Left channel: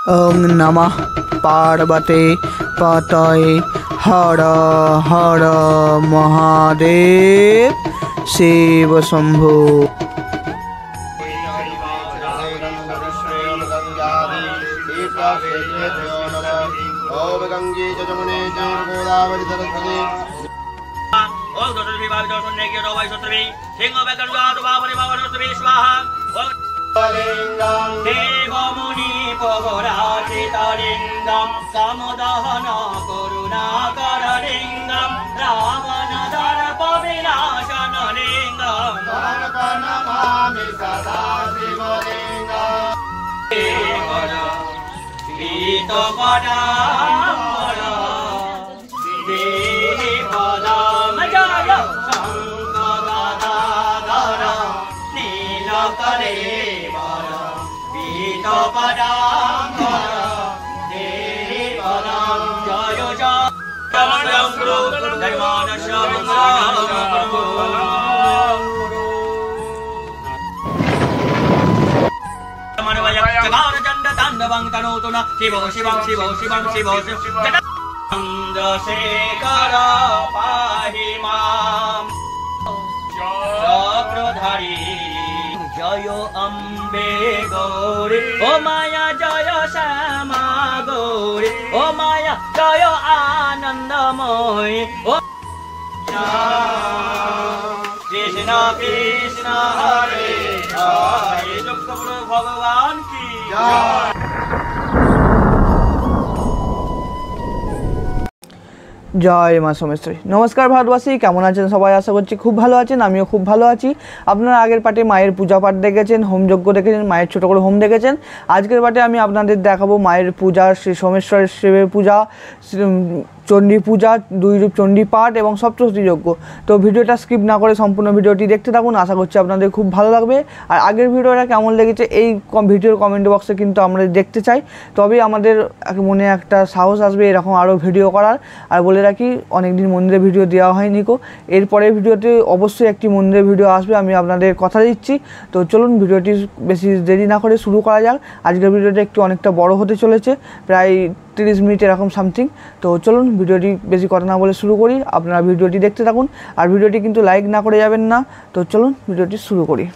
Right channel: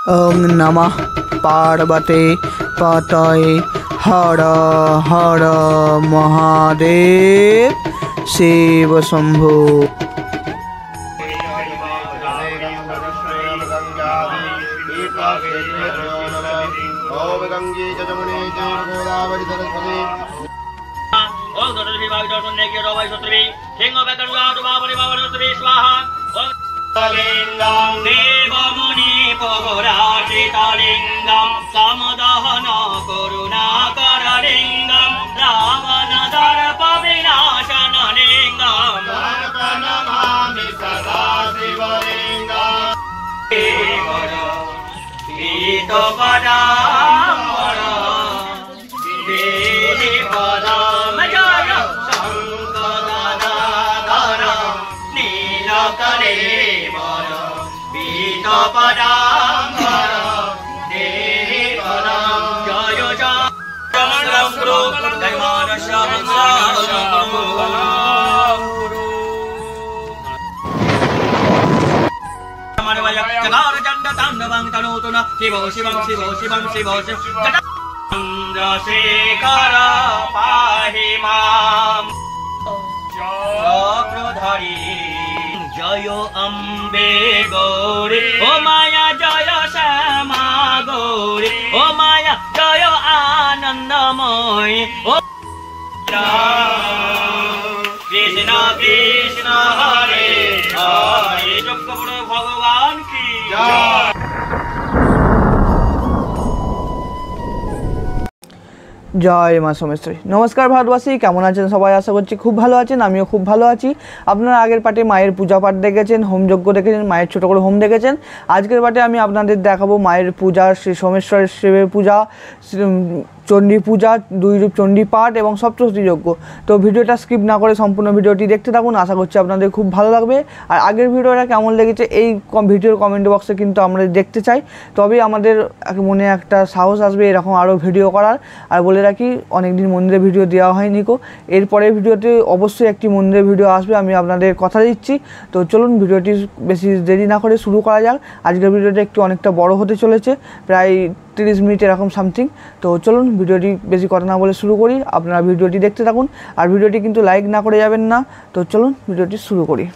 ওং নমঃ পার্বতে পতয়ে হর হর মহাদেব শিব শম্ভু। দেবমুনি পরাচিতলিঙ্গম সমদহন করুণাকরলিঙ্গম রাবণ দর্প বিনাশন লিঙ্গম নমামি সদা শিবলিঙ্গম চন্দ্রশেখর পাহি মাম চক্রধারী জয় অম্বে গৌরী ও মায়া জয় শ্যামা গৌরী ও মায়া জয় আনন্দময়ী ও কৃষ্ণ কৃষ্ণ হরে হরে যোগগুরু ভগবান কি জয়। জয় মা সোমেশ্বরী। নমস্কার ভারতবাসী, কেমন আছেন সবাই? আশা করছি খুব ভালো আছেন, আমিও খুব ভালো আছি। আপনারা আগের পার্টে মায়ের পূজা পাঠ দেখেছেন, হোমযজ্ঞ দেখেছেন, মায়ের ছোটো করে হোম দেখেছেন। আজকের পার্টে আমি আপনাদের দেখাবো মায়ের পূজা, শ্রী সোমেশ্বরের শিবের পূজা, চণ্ডী পূজা, দুই রূপ চণ্ডী পাঠ এবং সপ্তশতী যজ্ঞ। তো ভিডিওটা স্কিপ না করে সম্পূর্ণ ভিডিওটি দেখতে থাকুন, আশা করছি আপনাদের খুব ভালো লাগবে। আর আগের ভিডিওটা কেমন লেগেছে এই ভিডিওর কমেন্ট বক্সে কিন্তু আমরা দেখতে চাই, তবেই আমাদের মনে একটা সাহস আসবে এরকম আরও ভিডিও করার। আর বলে রাখি, অনেকদিন মন্দিরের ভিডিও দেওয়া হয়নি কো, এরপরের ভিডিওতে অবশ্যই একটি মন্দিরের ভিডিও আসবে, আমি আপনাদের কথা দিচ্ছি। তো চলুন ভিডিওটি বেশি দেরি না করে শুরু করা যাক। আজকের ভিডিওটা একটু অনেকটা বড় হতে চলেছে, প্রায় 30 মিনিট এরকম সামথিং। তো চলুন ভিডিওটি বেশি কথা না বলে শুরু করি, আপনারা ভিডিওটি দেখতে থাকুন। আর ভিডিওটি কিন্তু লাইক না করে যাবেন না। তো চলুন ভিডিওটি শুরু করি।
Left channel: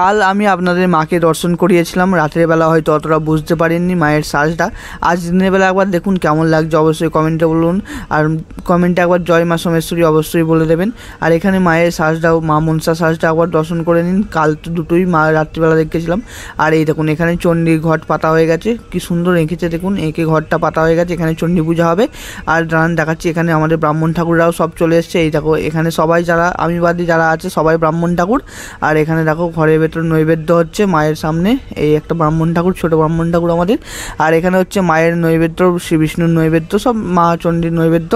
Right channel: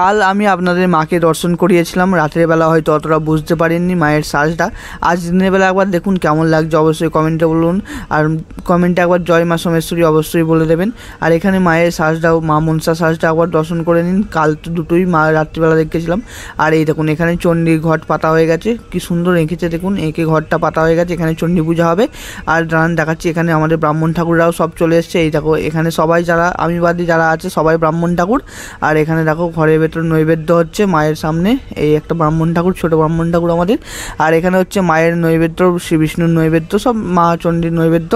কাল আমি আপনাদের মাকে দর্শন করিয়েছিলাম, রাতের বেলা হয়তো অতটা বুঝতে পারেননি মায়ের সাজটা। আজ দিনের বেলা একবার দেখুন কেমন লাগছে, অবশ্যই কমেন্টে বলুন। আর কমেন্টে একবার জয় মা সোমেশ্বরী অবশ্যই বলে দেবেন। আর এখানে মায়ের সাজটাও, মা মনসা সাজটা একবার দর্শন করে নিন। কাল তো দুটোই মা রাত্রিবেলা দেখেছিলাম। আর এই দেখুন এখানে চণ্ডী ঘট পাতা হয়ে গেছে, কি সুন্দর এঁকেছে দেখুন, এঁকে ঘরটা পাতা হয়ে গেছে। এখানে চণ্ডী পূজা হবে। আর দাঁড়ান দেখাচ্ছি, এখানে আমাদের ব্রাহ্মণ ঠাকুররাও সব চলে এসছে। এই দেখো এখানে সবাই যারা আমি বাদী যারা আছে সবাই ব্রাহ্মণ ঠাকুর। আর এখানে দেখো ঘরের ভেতর নৈবেদ্য হচ্ছে মায়ের সামনে, এই একটা ব্রাহ্মণ ঠাকুর, ছোট ব্রাহ্মণ ঠাকুর আমাদের। আর এখানে হচ্ছে মায়ের নৈবেদ্য, শ্রী বিষ্ণুর নৈবেদ্য, সব মা চণ্ডীর নৈবেদ্য।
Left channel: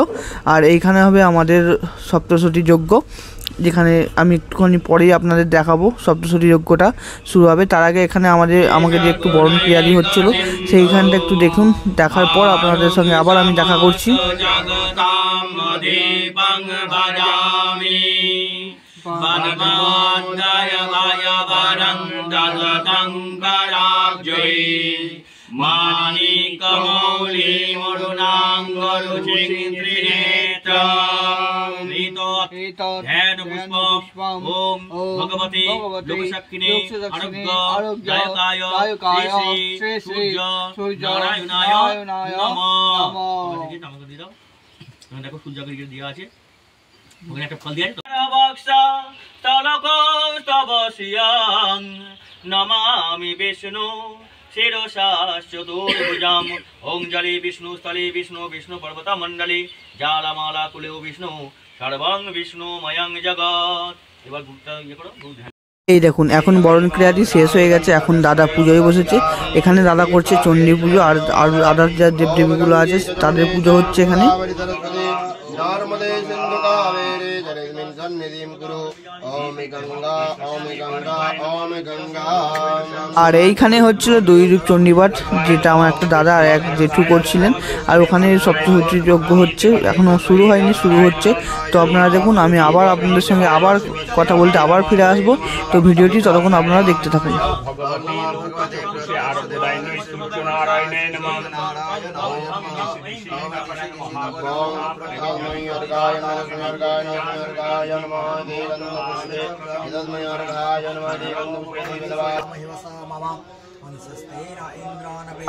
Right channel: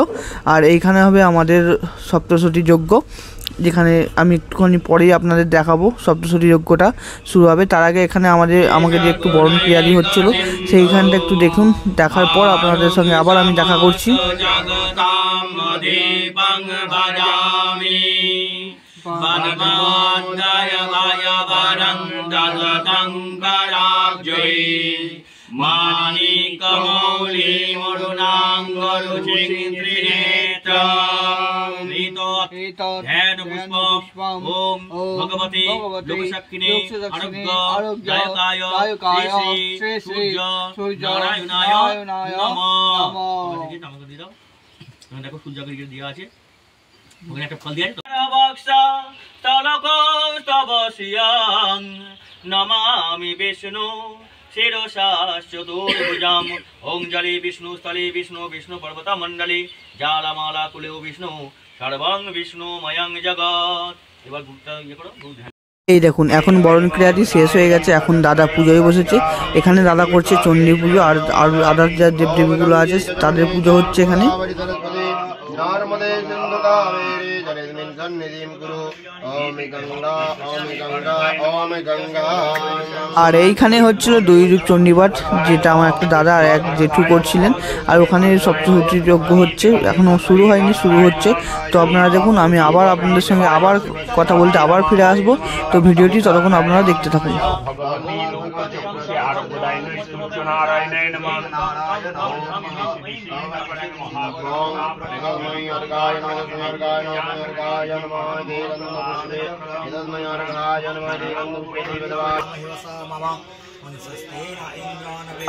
আর এইখানে হবে আমাদের সপ্তশতী যজ্ঞ, যেখানে আমি একটুখানি পরেই আপনাদের দেখাবো। সপ্তশতী যজ্ঞটা শুরু হবে, তার আগে এখানে আমাকে যে একটু বরণ ক্রিয়াদি হচ্ছিল সেইখানটা একটু দেখুন। দেখার পর আপনাদের সঙ্গে আবার আমি দেখা করছি। মানিকমৌলি ধ্যান পুষ্পম ওম ভগবতী লোকসাক্ষিণী আরোগ্যায় শ্রী শ্রী সূর্য নারায়ণায় নমঃ। দেখো সূর্য দিয়ে আছে, ওখানে একটা ফল দিয়ে নমামি বিষ্ণু শিরসাশ্চতুর্ভুজাম ওং জলে বিষ্ণু স্থলে বিষ্ণু বিষ্ণু পর্বত মণ্ডলী জালমালা কুলেও বিষ্ণু সর্বং বিষ্ণুময়ং জগৎ। এবার গুরুটা ইয়ে করো। এই দেখুন এখন বরণ ক্রিয়াটি শেষ হয়ে গেছে, এখন দাদা পুজোয় বসেছে। এখানে দাদা করছে চণ্ডী পুজো, আর আদার যা দেবদেবীগুলো আছে তাদের পুজো হচ্ছে এখানে। नर्मदे सिन्धु कावेरी जलेस्मिन् सन्निधिं कुरु ओम गंगा ओम गंगा ओम गंगा। আর এইখানে হচ্ছিল দৈরূপ চণ্ডীপাঠ, যেটা আমার একটা দাদা আর এক জেঠু করছিলেন। আর ওখানে সপ্তশতী যজ্ঞ হচ্ছে, এখনও শুরু হয়নি, শুরু হচ্ছে। তো আপনারা দেখুন, আমি আবার আপনাদের সঙ্গে আবার কথা বলতে আবার ফিরে আসবো। তো ভিডিওটি ততক্ষণ আপনারা দেখতে থাকুন।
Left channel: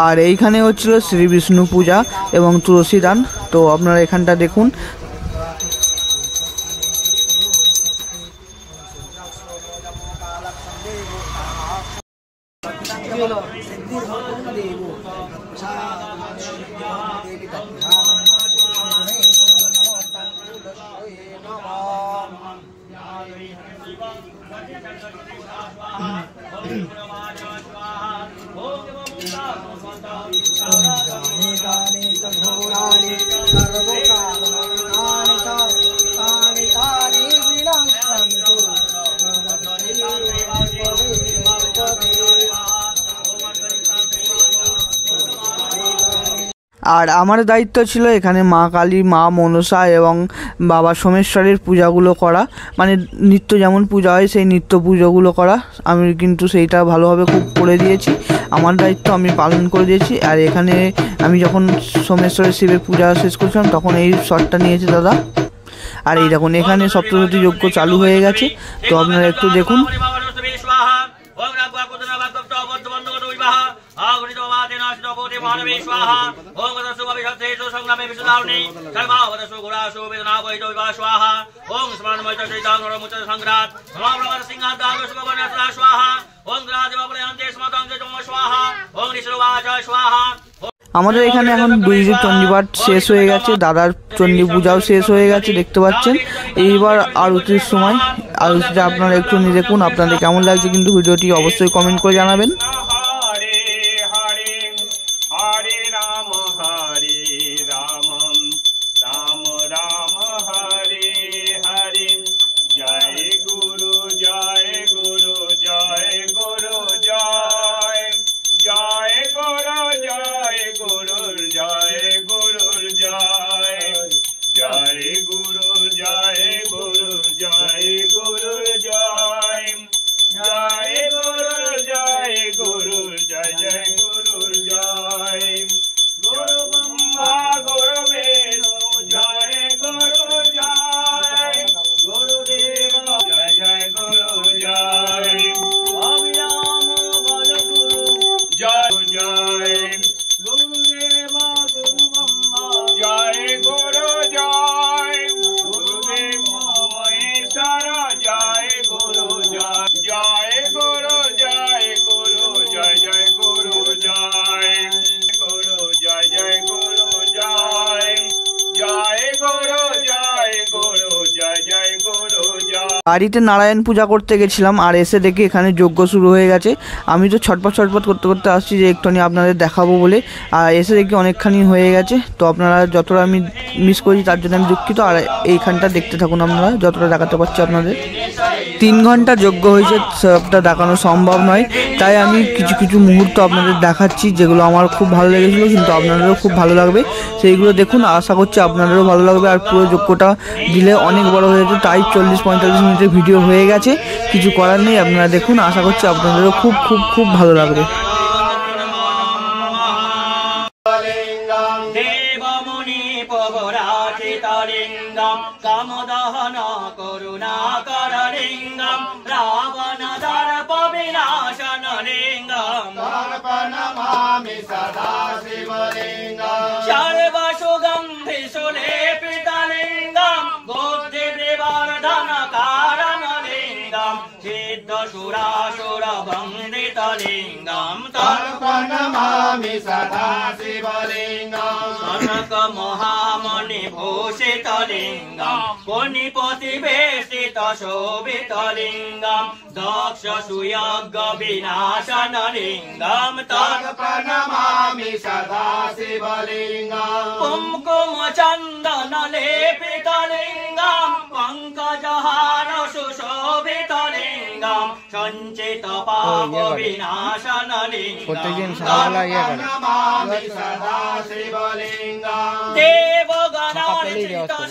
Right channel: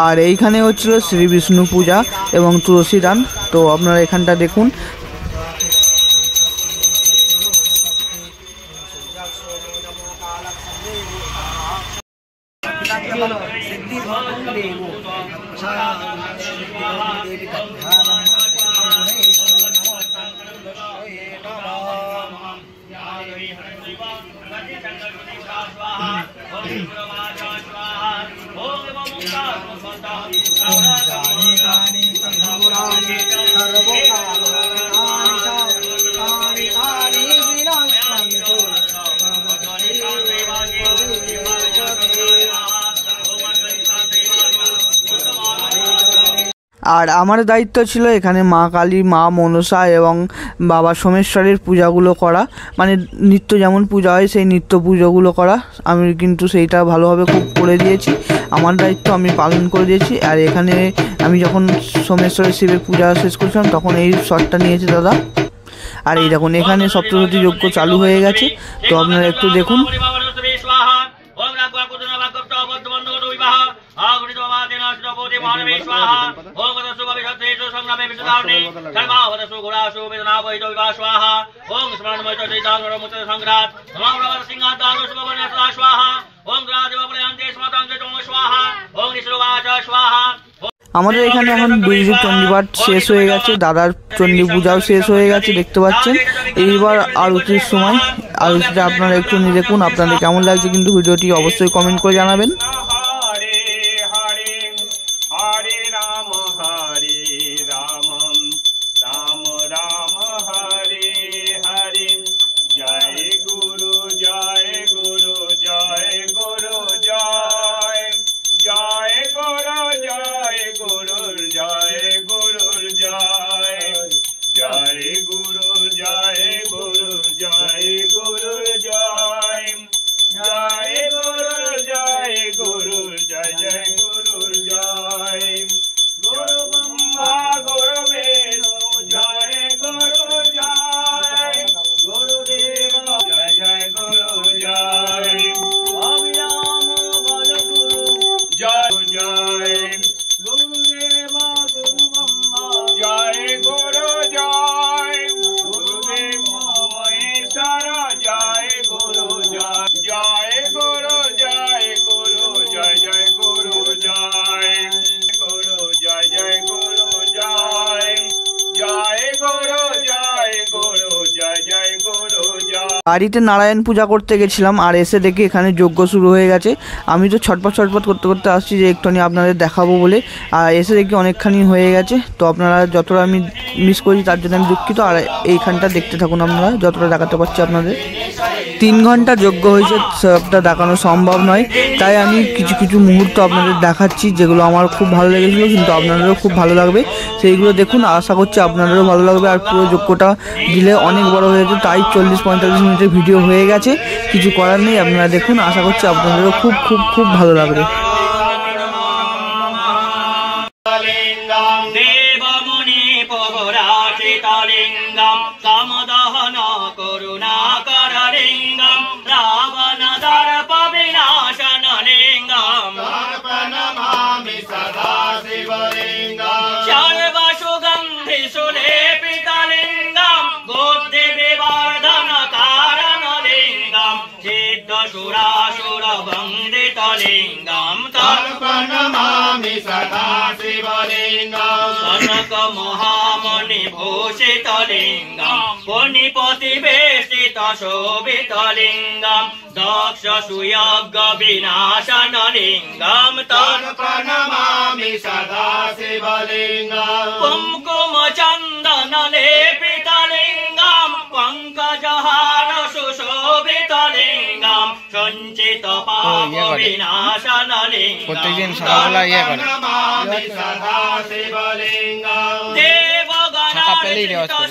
আর এইখানে হচ্ছিল শ্রী বিষ্ণু পূজা এবং তুলসী দান। তো আপনারা এখানটা দেখুন। আর আমার দায়িত্ব ছিল এখানে মা কালী, মা মনসা এবং বাবা সোমেশ্বরের পূজাগুলো করা, মানে নিত্য যেমন পূজা হয় সেই নিত্য পুজোগুলো করা। আমি কিন্তু সেইটা ভালোভাবে খুব করে দিয়েছি, আমার দায়িত্ব আমি পালন করে দিয়েছি। আর এখানে আমি যখন সোমেশ্বরের শিবের পূজা শেষ করছিলাম তখন এই শটটা নিয়েছে দাদা। আর এই দেখুন, এখানে সপ্তশতী যজ্ঞ চালু হয়ে গেছে। তো আপনারা একটু দেখুন। আমাদের এখানে এখন দৈরূপ চণ্ডীপাঠ শেষ হয়ে গেছে, দাদার চণ্ডী পূজাও শেষ হয়ে গেছে, দেখতে পাচ্ছেন। এইবার আরতির সময়, আরতিটা আপনারা একটু নিয়ে দেখুন, আপনাদের কেমন লাগছে কিন্তু ভিডিওটি অবশ্যই কমেন্ট করে জানাবেন। বাড়িতে নারায়ণ পূজা করতে গেছিলাম, আর এসে দেখি এখানে যজ্ঞ শুরু হয়ে গেছে। আমি তো ছটপট করতে করতে আসছি যে একটুখানি আপনাদের দেখাবো বলে, আর এসে দেখি অনেকখানি হয়ে গেছে। তো আপনারা যতটা আমি মিস করেছি তার জন্য আমি দুঃখিত। আর এইখানটা দেখতে থাকুন আপনারা, যতটা দেখাতে পারছি আপনাদের। 3 ঘন্টা যজ্ঞ হয়েছে, সবটা দেখানো সম্ভব নয়, তাই আমি কিছু কিছু মুহূর্ত আপনাদের দেখাচ্ছি যেগুলো আমার খুব ভালো লেগেছিলো, কিন্তু আপনাদেরও খুব ভালো লাগবে। সেইগুলো দেখুন, আশা করছি আপনাদেরও ভালো লাগবে। আর পুরো যজ্ঞটা দিলে অনেক বড় হয়েছে, তাই 40-45 মিনিটের ভিডিও হয়ে গেছে, কিছু করার নেই। আপনারা দেখুন, আশা করছি আপনাদেরও খুব খুব খুব ভালো লাগবে। দেবমুনি পবরাচিতলিঙ্গম কামদহন করুণাকর লিঙ্গম রাবণ দর্প বিনাশন লিঙ্গম নমামি সদা শিবলিঙ্গম সর্বসুগন্ধি সুলেপিত লিঙ্গম বুদ্ধি বিবর্ধন কারণ লিঙ্গম সিদ্ধ সুরাসুর বন্দিত লিঙ্গম নমামি সদা শিবলিঙ্গম কনক মহামণি ভূষিত লিঙ্গম পুনিপতি বেষ্টিত শোভিত লিঙ্গম দক্ষ সুয়জ্ঞ বিনাশন লিঙ্গম নমামি সদা শিবলিঙ্গম কুমকুম চন্দন লেপিত সঞ্চিত পাপ বিনাশনলিঙ্গম প্রত্যেকদিন সকালবেলা ইয়ে করে ফাঁকা পেলেই রেওয়াজ করে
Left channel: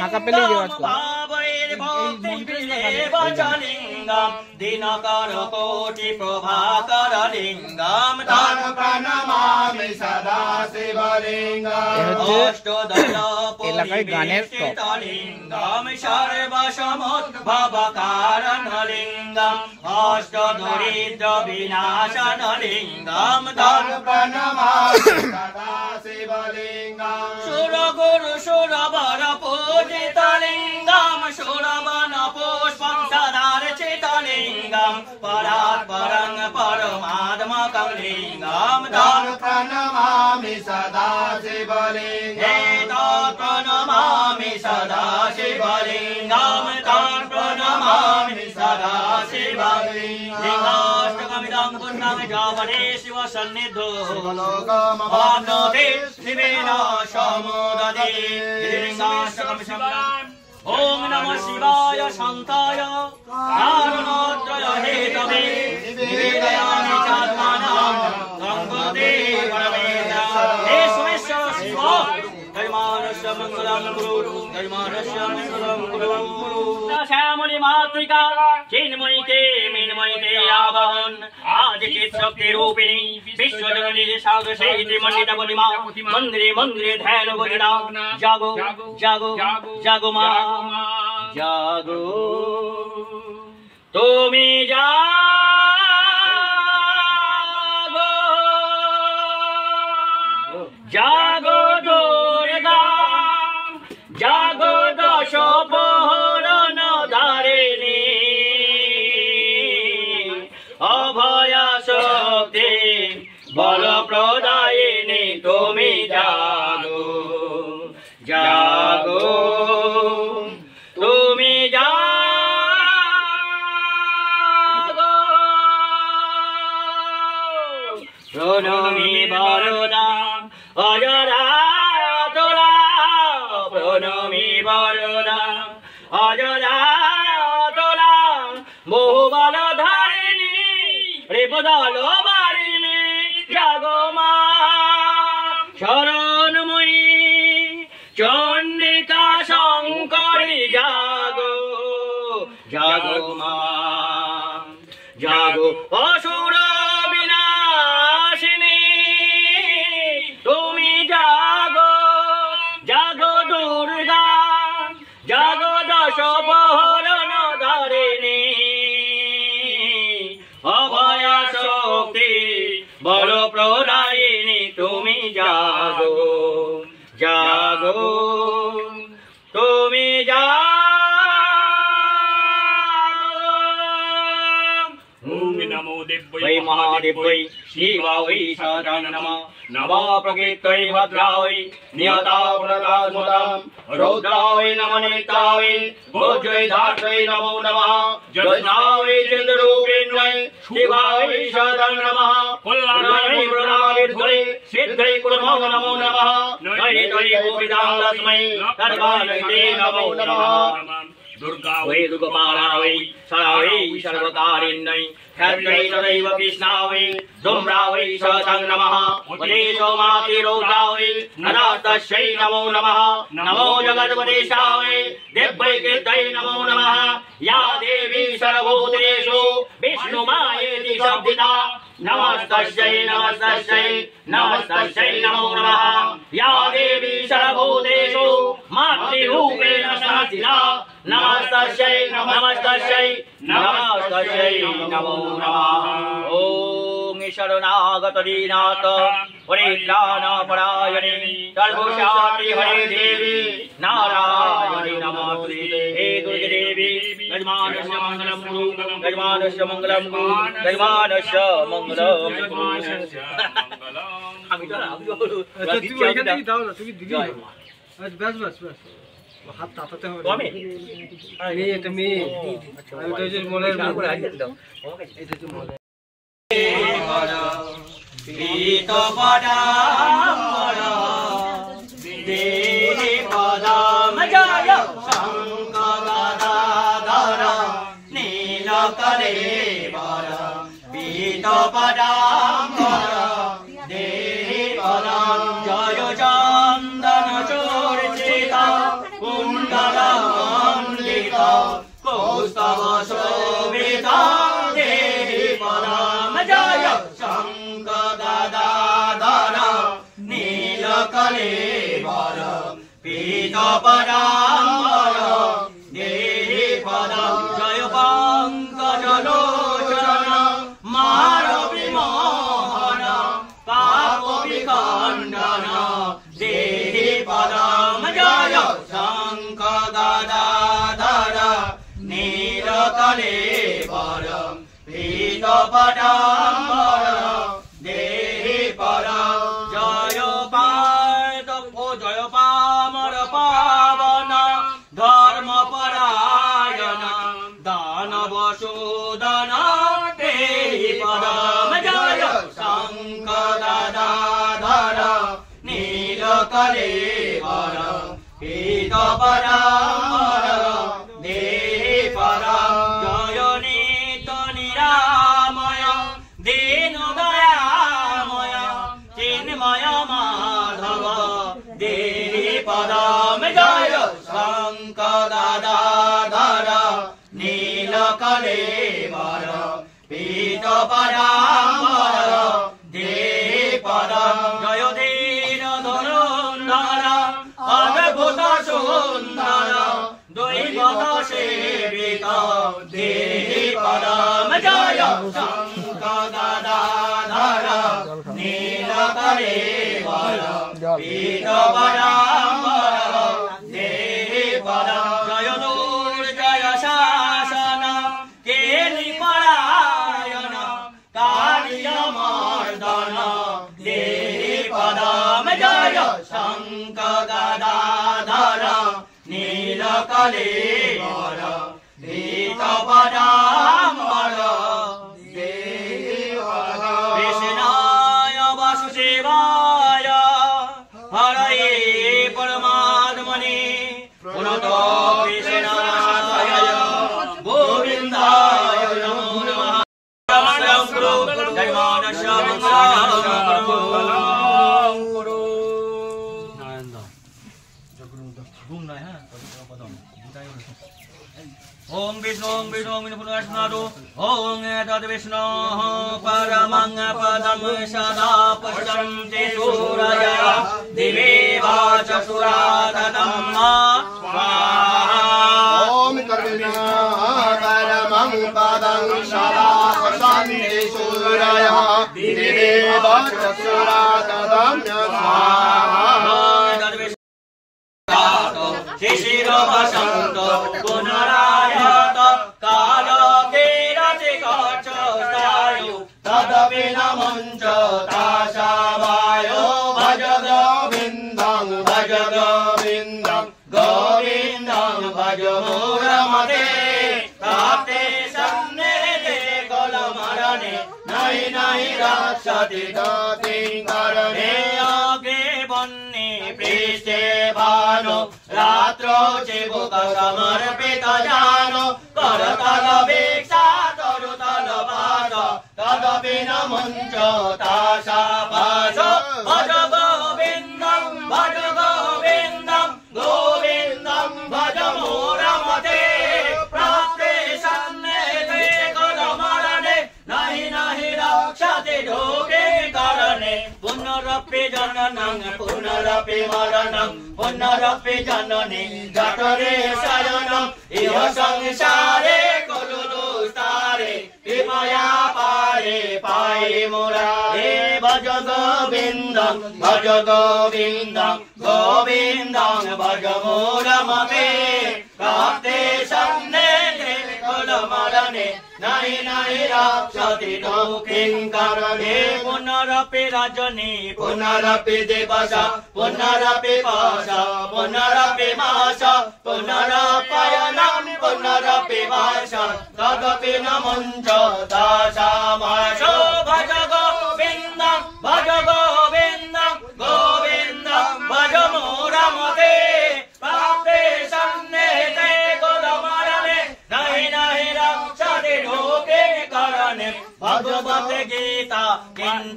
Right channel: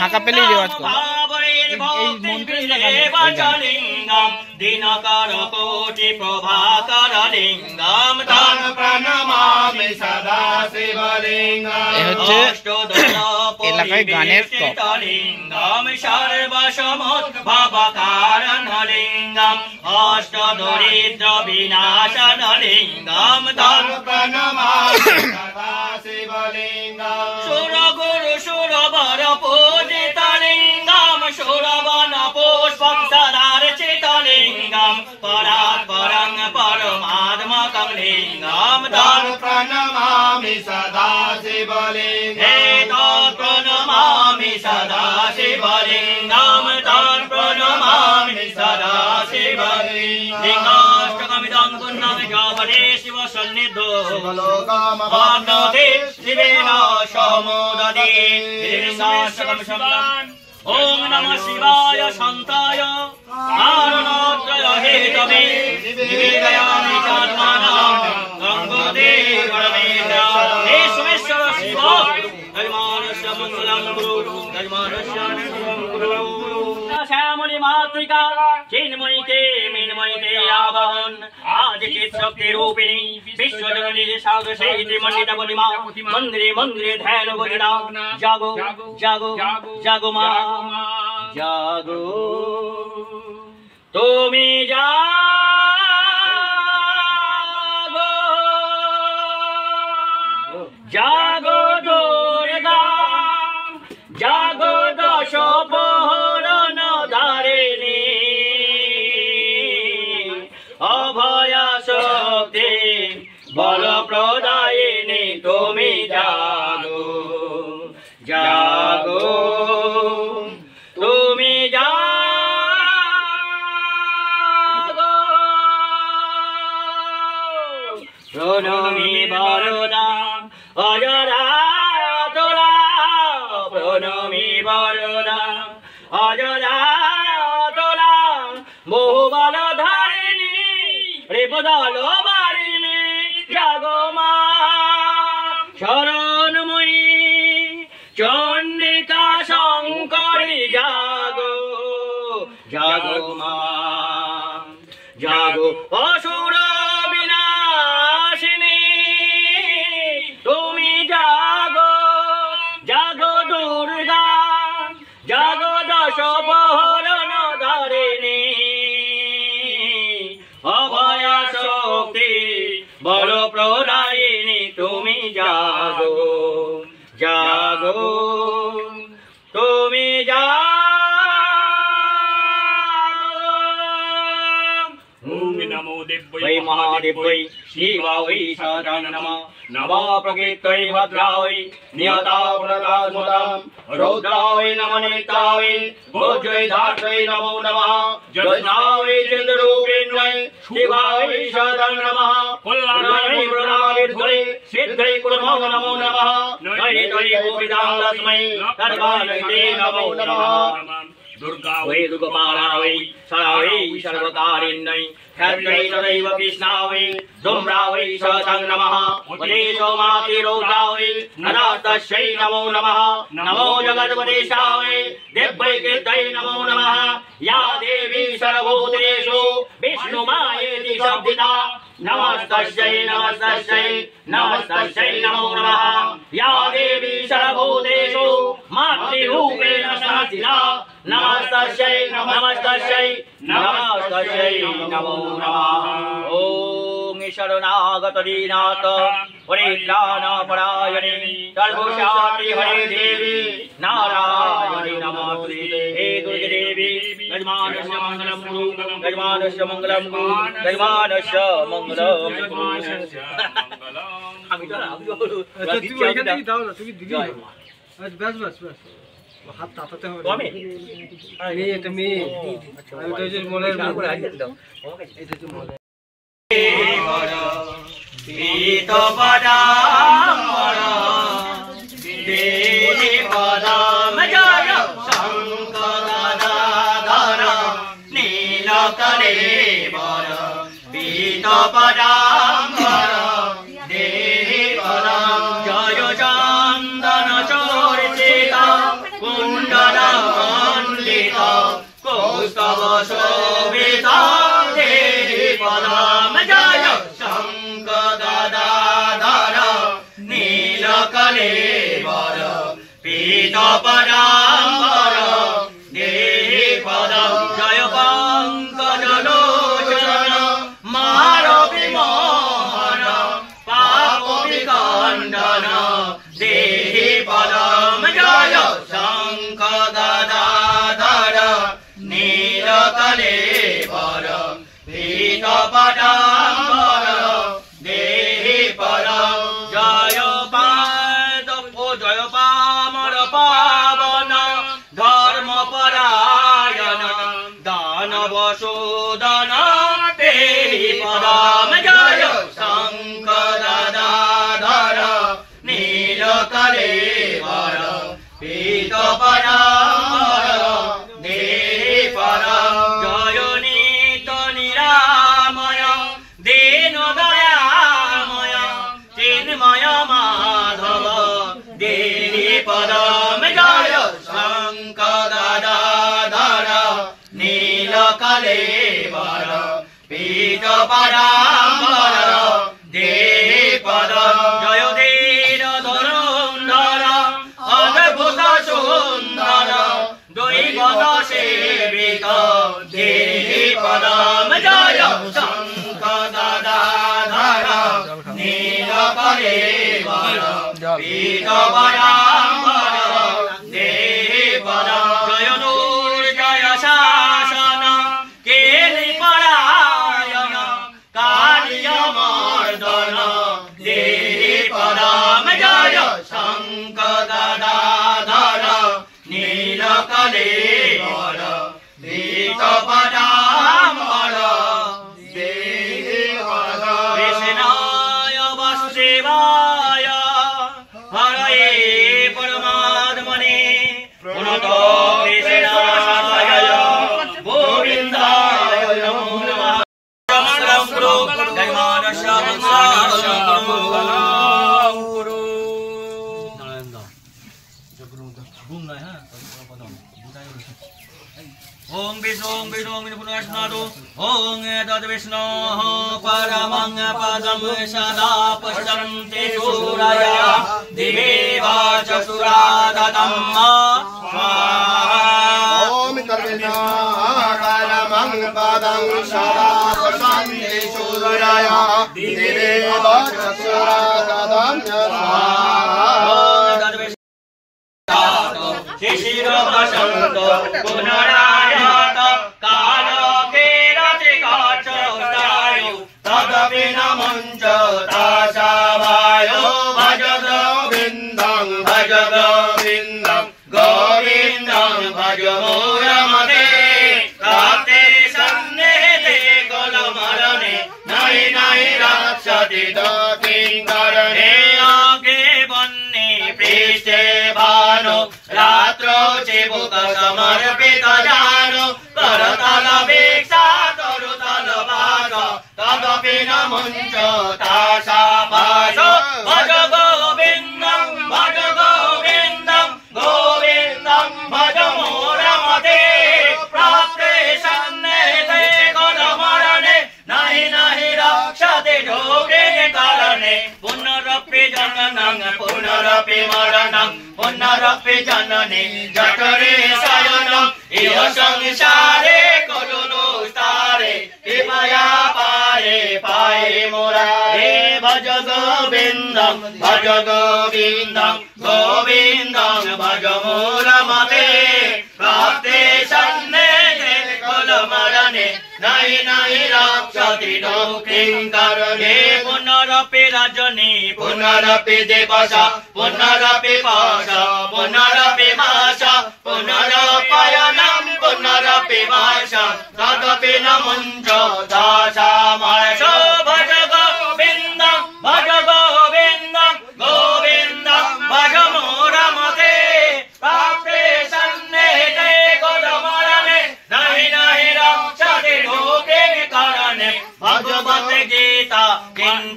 ফাঁকা পেলেই রেওয়াজ করে দিনকর কোটি প্রভাকর লিঙ্গম এ হচ্ছে এলাকায় গানের টপ লিঙ্গম সর্বসমুদ্ভবকারণ লিঙ্গম অষ্ট দরিদ্র বিনাশন লিঙ্গম সুর গুরু সুরবর পূজিত লিঙ্গম সুরবন পুষ্পং সদার্চিত লিঙ্গম পরাৎ পরং পরমাত্মকং লিঙ্গম प्रणमामि सदा शिवलिङ्गम् प्रणमामि सदा शिवलिङ्गं तं प्रणमामि सदा शिवलिङ्गाष्टकमिदं पुण्यं जावने शिवसन्निधौ आप्नोति शिवेन समुदति देशाष्टकं शब्दम् ॐ नमः शिवाय शान्ताय कारणोत्तय हेतवे निवेदयामि चात्मानं गङ्गोदे परमेश्वर हे सोमेश्वर शिव धर्मानस्य मङ्गलं गुरु धर्मानस्य मङ्गलं गुरु श्यामणि मातृका चिन्मयिते मिन्मयिते आवहन आज चित् शक्ति रूपिणी विश्वजननी सागरशैली मण्डित बलिमा मन्दिरे मन्दिरे ध्यान बलिना जागो जागो जागो मा जागो तुमी जागो जागो दुर्गा जागो दश पहरण धारिणी अभया शक्ति बल प्रदायिनी तुमी जागो जागो तुमी जागो प्रणमी बरदा अजरा तोला प्रणमी बरदा अजरा तोला बहुबल धारिणी রেপদাল বারিণী জাগো মা শরণময়ী চণ্ডিকা শঙ্করী জাগো জাগো মা জাগো অসুর বিনাশিনী তুমি জাগো জাগো দুর্গা জাগো দশ পহরণ ধারিণী অভয়া শক্তি বল প্রদায়িনী তুমি জাগো জাগো তুমি नमो दिव्यै वै महादेव्यै शिवा वै सदा नमः नमः प्रकृत्यै भद्रायै नियता पुनरास्मदां रौद्रायै नमनितायै भोज्यै धात्रै नमो नमः ज्योत्स्नायै चन्द्ररूपिण्यै शिवायै सदा नमः कुल्लायै प्रणामिर्ध्वै सिद्धै कुर्मो नमो नमः नयित्यै गोपितां तस्मै सर्वानैते नमो नमः दुर्गा वै दुर्गपाला वै सदा वै सर्वकारिण्यै ख्यात्यै तदैव कृष्णा वै धूम्रा वै सतं नमः उपदेशो मातिरौद्रा वै नरास्तस्यै नमो नमः नमो जगद्वदेशा वै दिव्यै कृत्यै नमो नमः या देवी सर्वभूतेषु विष्णुमायेति शब्दिता नमस्तस्यै नमस्तस्यै नमस्तस्यै नमो नमः या देवी सर्वभूतेषु मातृरूपेण संस्थिता नमस्तस्यै नमस्तस्यै नमस्तस्यै नमो नमः ॐ शरणागत दीनाथ परित्राणपरायणे सर्वशान्ति हरे देवी नारायणी नमोस्तुते हे दुर्गे देवी यजमानस्य मङ्गलं कुरु यजमानस्य मङ्गलं कुरु यजमानस्य मङ्गलं আমি তো তুমি এখানে দাও না তুমি দিদি বাস বাস বাস হাত তাতাতে হবে আমি এটা মেয়ে আমি তো যে মনের করে আইতে দাও এটা তো মনে পীত পদামর দেহি পদম জয় শঙ্করদাধর নীলকরে পদাম্বর দেহি পদম জয় চন্দন চর্চিত কুণ্ডল মণ্ডিত কৌস্তব শোভিত দেহি পদম জয় শঙ্খ গদাধর নীলকলেবর পীত পদাম্বর দেহি পদম জয় পঙ্কজ লোচন মারবি মোহন পাপ বিখণ্ডন দেহি পদম জয় শঙ্খ গদাধর নীলকলেবর পীত পদাম্বর দেহি পদম জয় পাদ ও জয় পামর পাবন ধর্ম পরায়ণ দানব শোধন দেহি পদম জয় শঙ্খ গদাধর নীলকলেবর পীত পদাম্বর দেহি পদম জয় নিত নিরাময় দীন দয়াময় চিন্ময় মাধব দেহি পদম জয় শঙ্খ গদাধর নীলকলেবর পীত পদাম্বর দেহি পদম জয় দীন ধনুর্ধর অদ্ভুত সুন্দর দৈবত সেবিত দেহি পদম জয় শঙ্খ গদাধর নীলকলেবর পীত পদাম্বর দেহি পদম জয় দুর্জয় শাসন কেলি পরায়ণ কালিয় মর্দন দেহি পদম জয় শঙ্খ গদাধর নীলকলেবর পীত পদাম্বর দেহি পদম কৃষ্ণায় বাসুদেবায় হরয়ে পরমাত্মনে পুনঃ কৃষ্ণায় গোবিন্দায় নমো নমঃ মঙ্গলং কুরু জয়মানস্য মঙ্গলং কুরু ओम विष्णु पुनस्नादो ओम एतद् विष्णोः परमं पदं सदा पश्यन्ति सूरया दिवे वाचसुरा ददं स्वाहा ओम परमं पदं सदा पश्यन्ति सूरया दिवे वाचसुरा ददं स्वाहा शिशिर वसंत पुनरायत काल केरति काचस्तायु तदपि न मुञ्च तासावायो भज गोविन्दं गोविन्दं भज मूलमते प्राप्ते सन्निहिते कुलमरणे नहि नहि रक्षति किङ्करणे अग्रे वह्नि पृष्ठे भानु रात्रौ चिबुक समर्पित जानो करतल भिक्षा तरुतल भाग तदपि न मुञ्च तासा भासो भज गोविन्दं गोविन्दं भज मूलमते प्राप्ते सन्निहिते कुलमरणे नहि नहि रक्षति किङ्करणे पुनरपि जननं पुनरपि मरणं पुनरपि जननी जठरे शयनम् इह संसारे करुणोस्तारे कृपया पारे पाहि मुरारे भज गोविन्दं गोविन्दं भज मूलमते प्राप्ते सन्निहिते कुलमरणे नहि नहि रक्षति किङ्करणे पुनरपि रजनी पुनरपि दिवस पुनरपि पाश पुनरपि मास पुनरपयनं पुनरपि वर्ष तदपि न मुञ्च दासामास भज गोविन्दं भज मूलमते प्राप्ते सन्निहिते कुलमरणे नहि नहि रक्षति किङ्करणे भगवद् गीता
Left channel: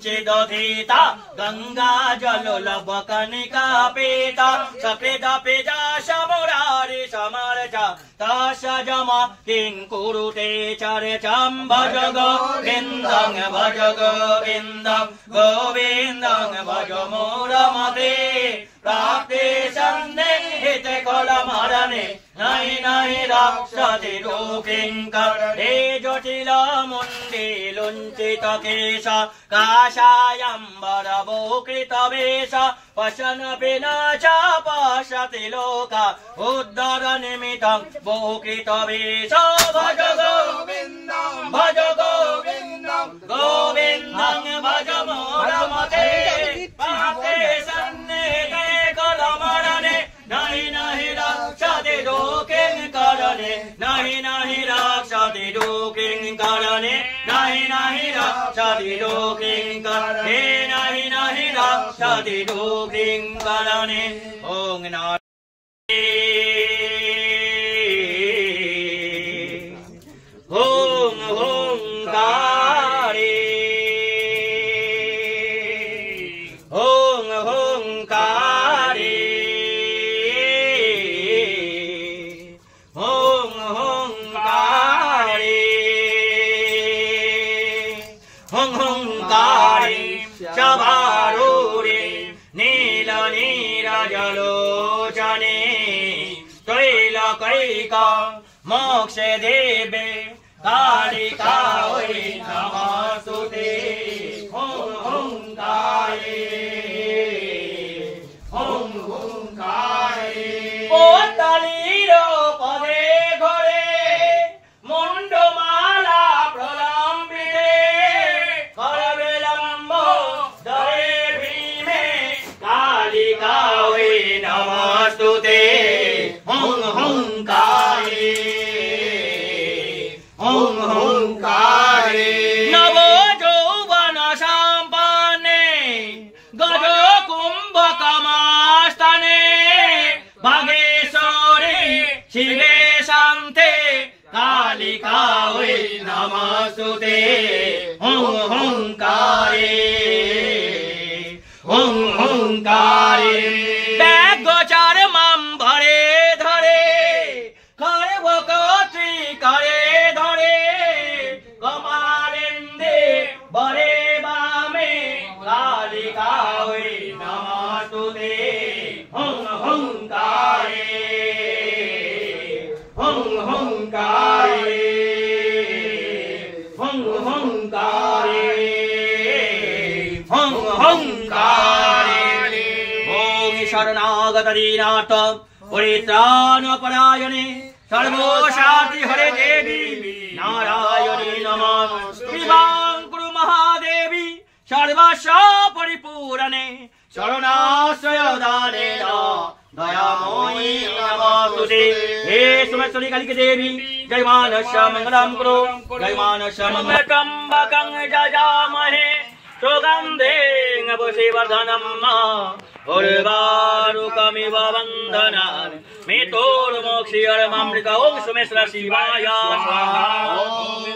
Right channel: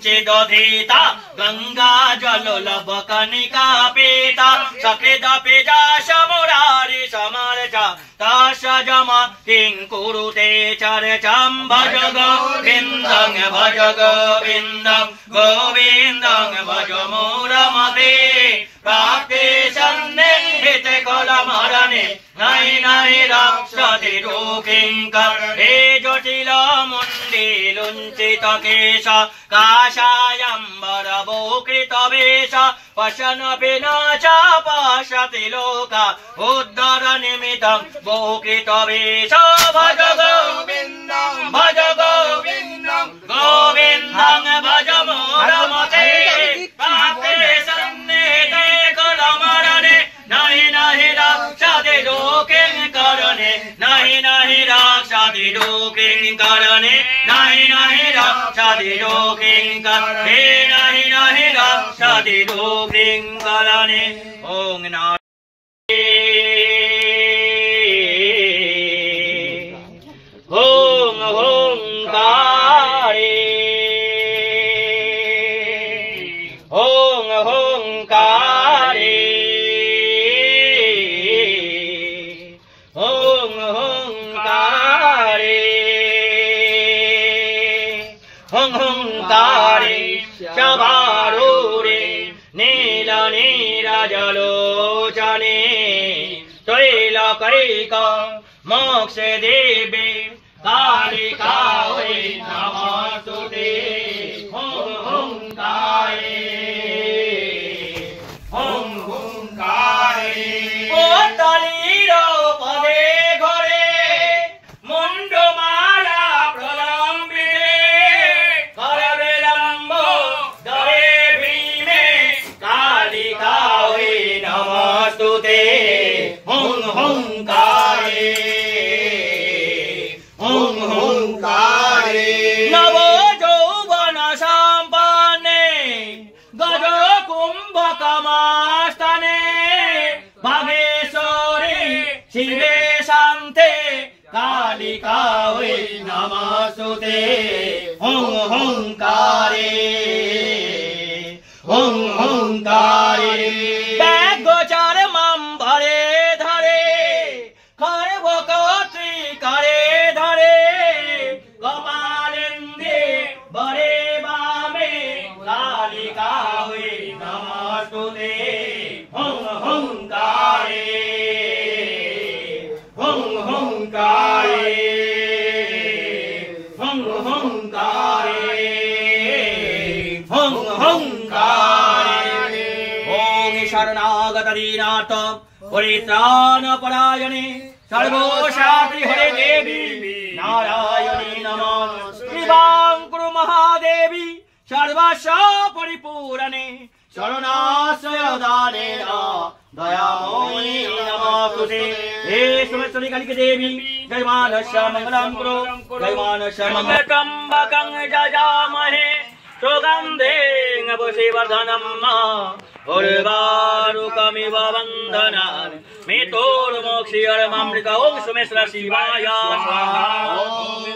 चिदधीता गंगा जल लवकनिका पीता सकृद पिजा समुरारि समर्चा तस्य जमा किं कुरुते चर्चां भज गोविन्दं गोविन्दं भज मूढमते प्राप्ते सन्निहित कलमरणे नहि रक्षति रोकिंकर हे जटिल मुण्डिलुञ्चित केश काषायम्बरभूकृत वेश पशनपि न च पश्यति लोका उद्धर निमित्तं भूकृत वेश भज गोविन्दं गोविन्दं भज मूढमते प्राप्ते सन्निहिते कलमरणे नहि रक्षति रोकिंकरणे नहि रक्षति रोकिंकरणे नहि रक्षति रोकिंकरणे नहि रक्षति रोकिंकरणे ओम ओम ओंकारे ओम ओंकारे ओम ओंकारे ओंकारे चबारूरे नील नीरजलोचने त्रैलोकैक मोक्ष देवे कालिकायै नमस्तुते ओम ओंकारे ओम ओंकारे पोतलीरो पदे घरे मुंडमाला प्रलंबिते कर विलंब दरे भीमे कालिकायै नमस्तुते ओम ओंकारे ओम ओंकारे नवो यौवन संपन्ने गज कुंभकमास्तने भागेश्वरी शिवे शान्ते कालिकायै नमस्तुते ओम ओंकारे ओम ओंकारे गोचर मां भरे धरे खरवकत्री करे धरे कमालेन्दे बरे वामे कालिकायै नमस्तुते ओम ओंकारे ओम ओंकारे ओम ओंकारे ओम ओंकारे ओम शरणागत दीनाथ परित्राणपरायणे सर्वशान्ति हरे देवी नारायणी नमः कृपां कुरु महादेवी सर्वस्व परिपूरणे शरणाश्रयदानेन दयामयी नमस्तुते हे सुमेश्वरी कालिके देवी जय मानस्य मंगलं कुरु जय मानस्य मंगलं त्र्यंबकं जजामहे सुगन्धिं पुष्टिवर्धनं उर्वारुकमिव वन्दनान् मृत्युर्मोक्षीयमामृत ओम सुमेश्वर शिवाय स्वाहा ओम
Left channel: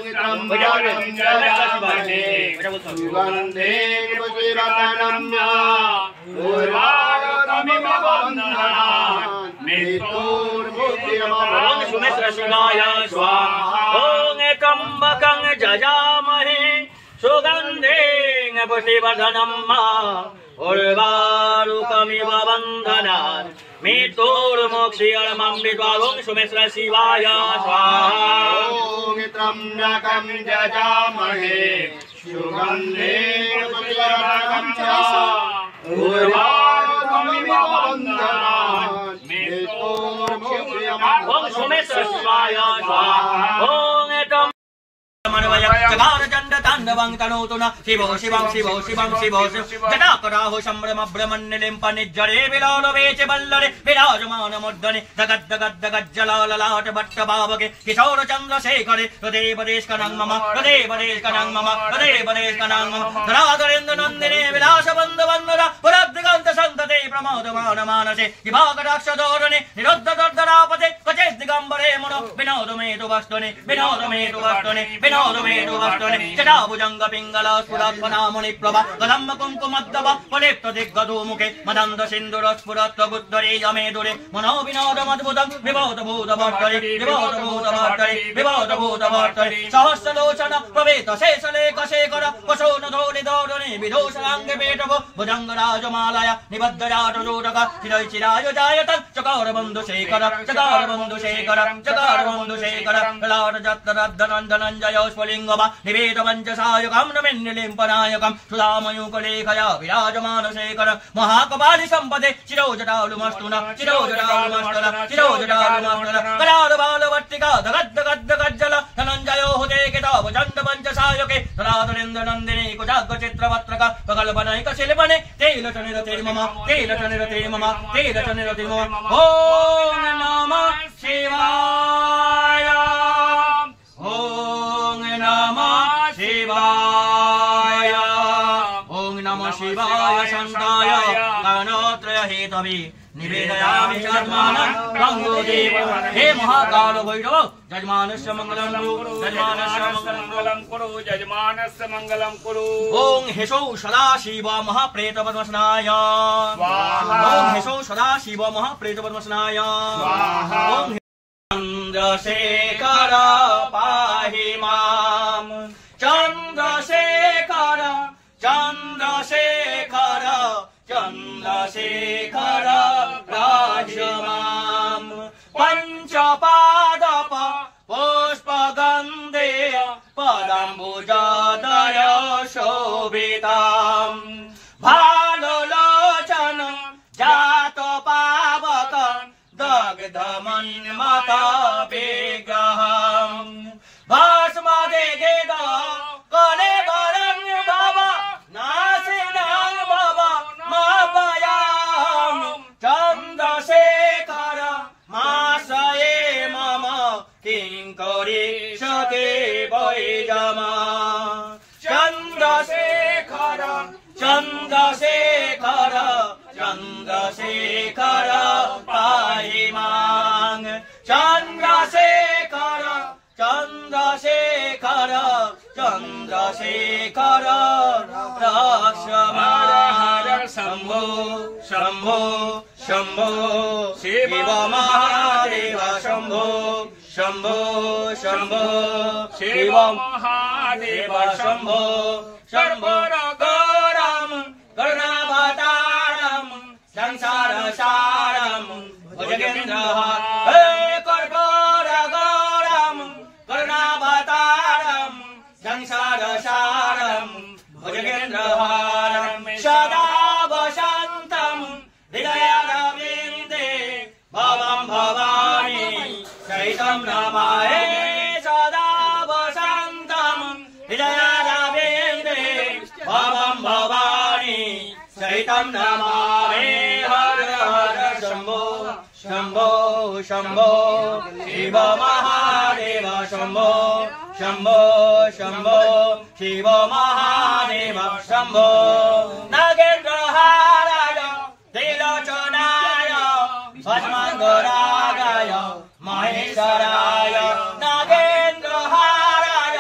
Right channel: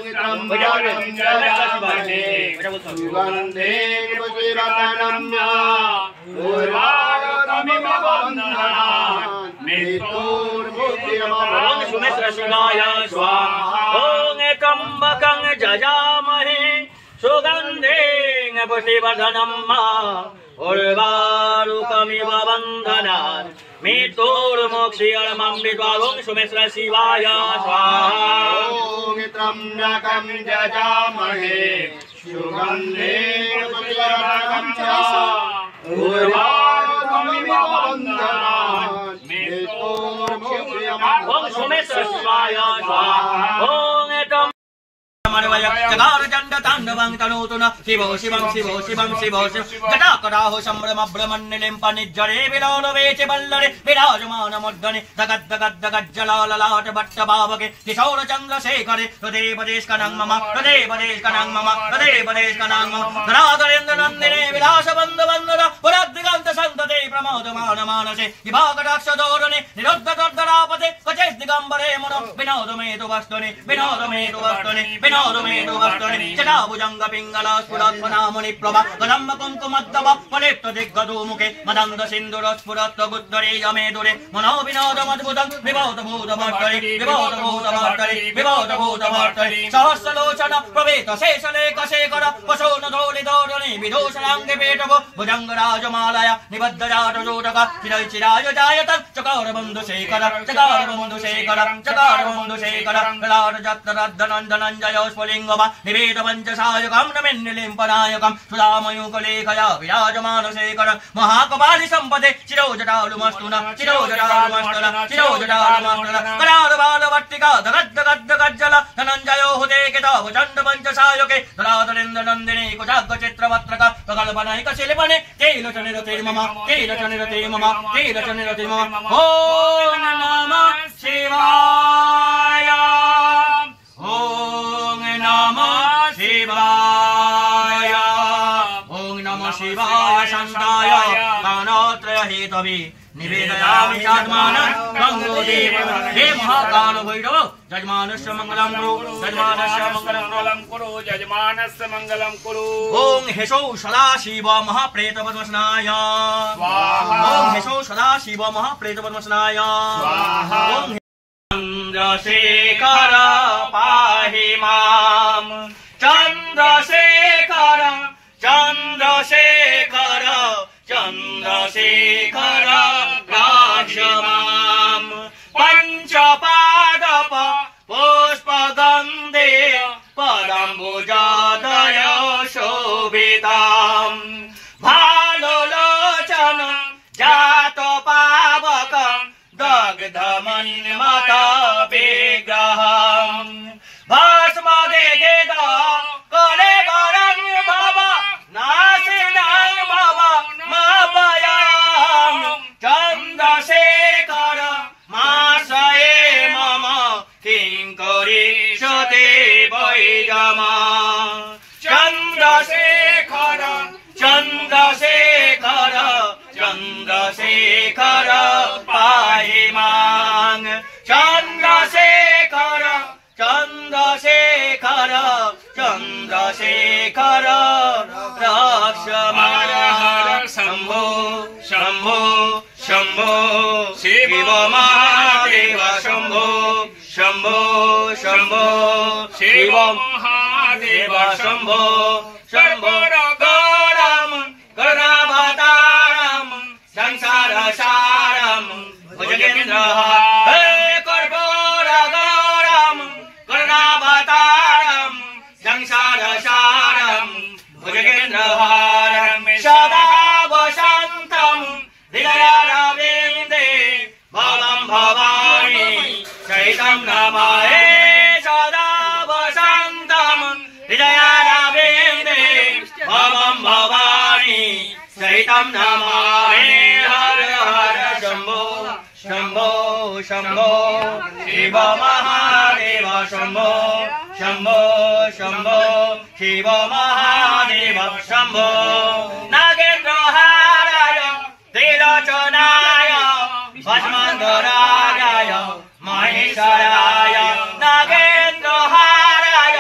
सुमेश्वर शिवाय स्वाहा ओम त्र्यंबकं जजामहे सुगन्धिं पुष्टिवर्धनं उर्वारुकमिव वन्दनान् मृत्युर्मोक्षीयमामृत ओम सुमेश्वर शिवाय स्वाहा ओम त्र्यंबकं जजामहे सुगन्धिं पुष्टिवर्धनं उर्वारुकमिव वन्दनान् मृत्युर्मोक्षीयमामृत ओम सुमेश्वर शिवाय स्वाहा ओम चकार चंड तांडवं तनोतु न शिवो शिवं शिवो शिवं शिवो जटाकराहो संभ्रमब्रह्मण्यलिं पनिज्जरे विलोलवेच बल्लरे विराजमानमुद्गणे जगद्जगज्जलाललाट भट्टभावके किशोर चन्द्रशेखरे हृदेवदेशकनं मम हृदेवदेशकनं मम हृदेवदेशकनं मम धराधरेन्द्र नन्दिने विलासबन्धवन्दर पुरद्दिगन्त सन्तते प्रमोदमान मानसे दिवाकटाक्षदोरणे निरुद्धदर्दरापते क्वचित् दिगम्बरे मनो विनोदमेतु वस्तुनि विनोदमेतु वस्तुनि विनोदमेतु वस्तुनि जटाभुजङ्गपिङ्गलस्फुरत्फनामणिप्रभा कदम्ब कुङ्कुमद्दव फलिप्त दिग्गदोमुखे मदन्द सिन्दुरस्फुरत्वगुद्धरे यमेदुरे मनो विनोदमद्भुतं विभूतभूतभर्तरि विभूतभूतभर्तरि विभूतभूतभर्तरि सहस्रलोचन प्रवेत शेषलेखशेखर पशोनधोलिधोरणे विदूषणाङ्गे पेटभो भुजङ्गराजमालया निबद्धजाटजोटक चिरैचिराय जायत चकारबन्धुशेखर चकारबन्धुशेखर चकारबन्धुशेखर कलाटजत्तरद्धनन्दनञ्जय स्फुलिङ्गवा निवेद पञ्चसायकं नमिन्निलिम्पनायकं सुधामयूकलेखया विराजमानशेखर महाकपालि सम्पदे चिरोजटालुमस्तुना चिरोजटालुमस्तुना चिरोजटालुमस्तुना करालबालवर्तिका दगद्दगद्दगज्जल धनञ्जयो हुते किताब चण्ड पञ्चसायके धराधरेन्द्रनन्दिनी कुजाग्रचित्रवत्रक प्रकल्पनैक शिल्पने तेलचनिरतिर्मम तेलचनिरतिर्मम तेलचनिरतिर्मम ॐ नमः शिवाय ॐ नमः शिवाय ॐ नमः शिवाय शान्ताय गानत्रय हेतवे निवेदयामि चात्मानं गङ्गोदेव हे महाकाल भैरव जजमानस्य मङ्गलं कुरु जजमानस्य मङ्गलं कुरु यजमानस्य मङ्गलं कुरु ॐ हेशौ सदाशिव महाप्रेतपद्मस्नाय स्वाहा ॐ हेशौ सदाशिव महाप्रेतपद्मस्नाय स्वाहा ॐ चन्द्रशेखर पाहि मां चन्द्रशेखर चन्द्रशेखर चन्द्रशेखर राक्षमां पञ्चपादप पुष्पगन्धे पदम्बुजादय शोभितां भालुलोचन जातपावक दग्धमन्मथ विग्रहं भस्मदेगेद कलेवरं भव नाशिनं भव मापयां चन्द्रशेखर माशये मम किङ्करीषते वैगमा चन्द्रशेखर चन्द्रशेखर चन्द्रशेखर पाहि मां चन्द्रशेखर चन्द्रशेखर चन्द्रशेखर रक्षमाण हर शम्भो शम्भो शम्भो शिव महादेव शम्भो शम्भो शम्भो शिव महादेव शम्भो शम्भो गौरं करुणावतारं संसारसारं भुजगेन्द्रः हे कर्पूरगौरं करुणावतारं संसारसारं भुजगेन्द्रहारं सदा वसन्तं हृदयारविन्दे भवं भवानी चैतं नमामि सदा वसन्तं हृदयारविन्दे भवं भवानी चैतं नमामि हर हर शम्भो शम्भो शम्भो शिव महादेव शम्भो शम्भो शम्भो शिव महादेव शम्भो नागेन्द्रहाराय त्रिलोचनाय भस्माङ्गरागाय महेश्वराय नागेन्द्रहाराय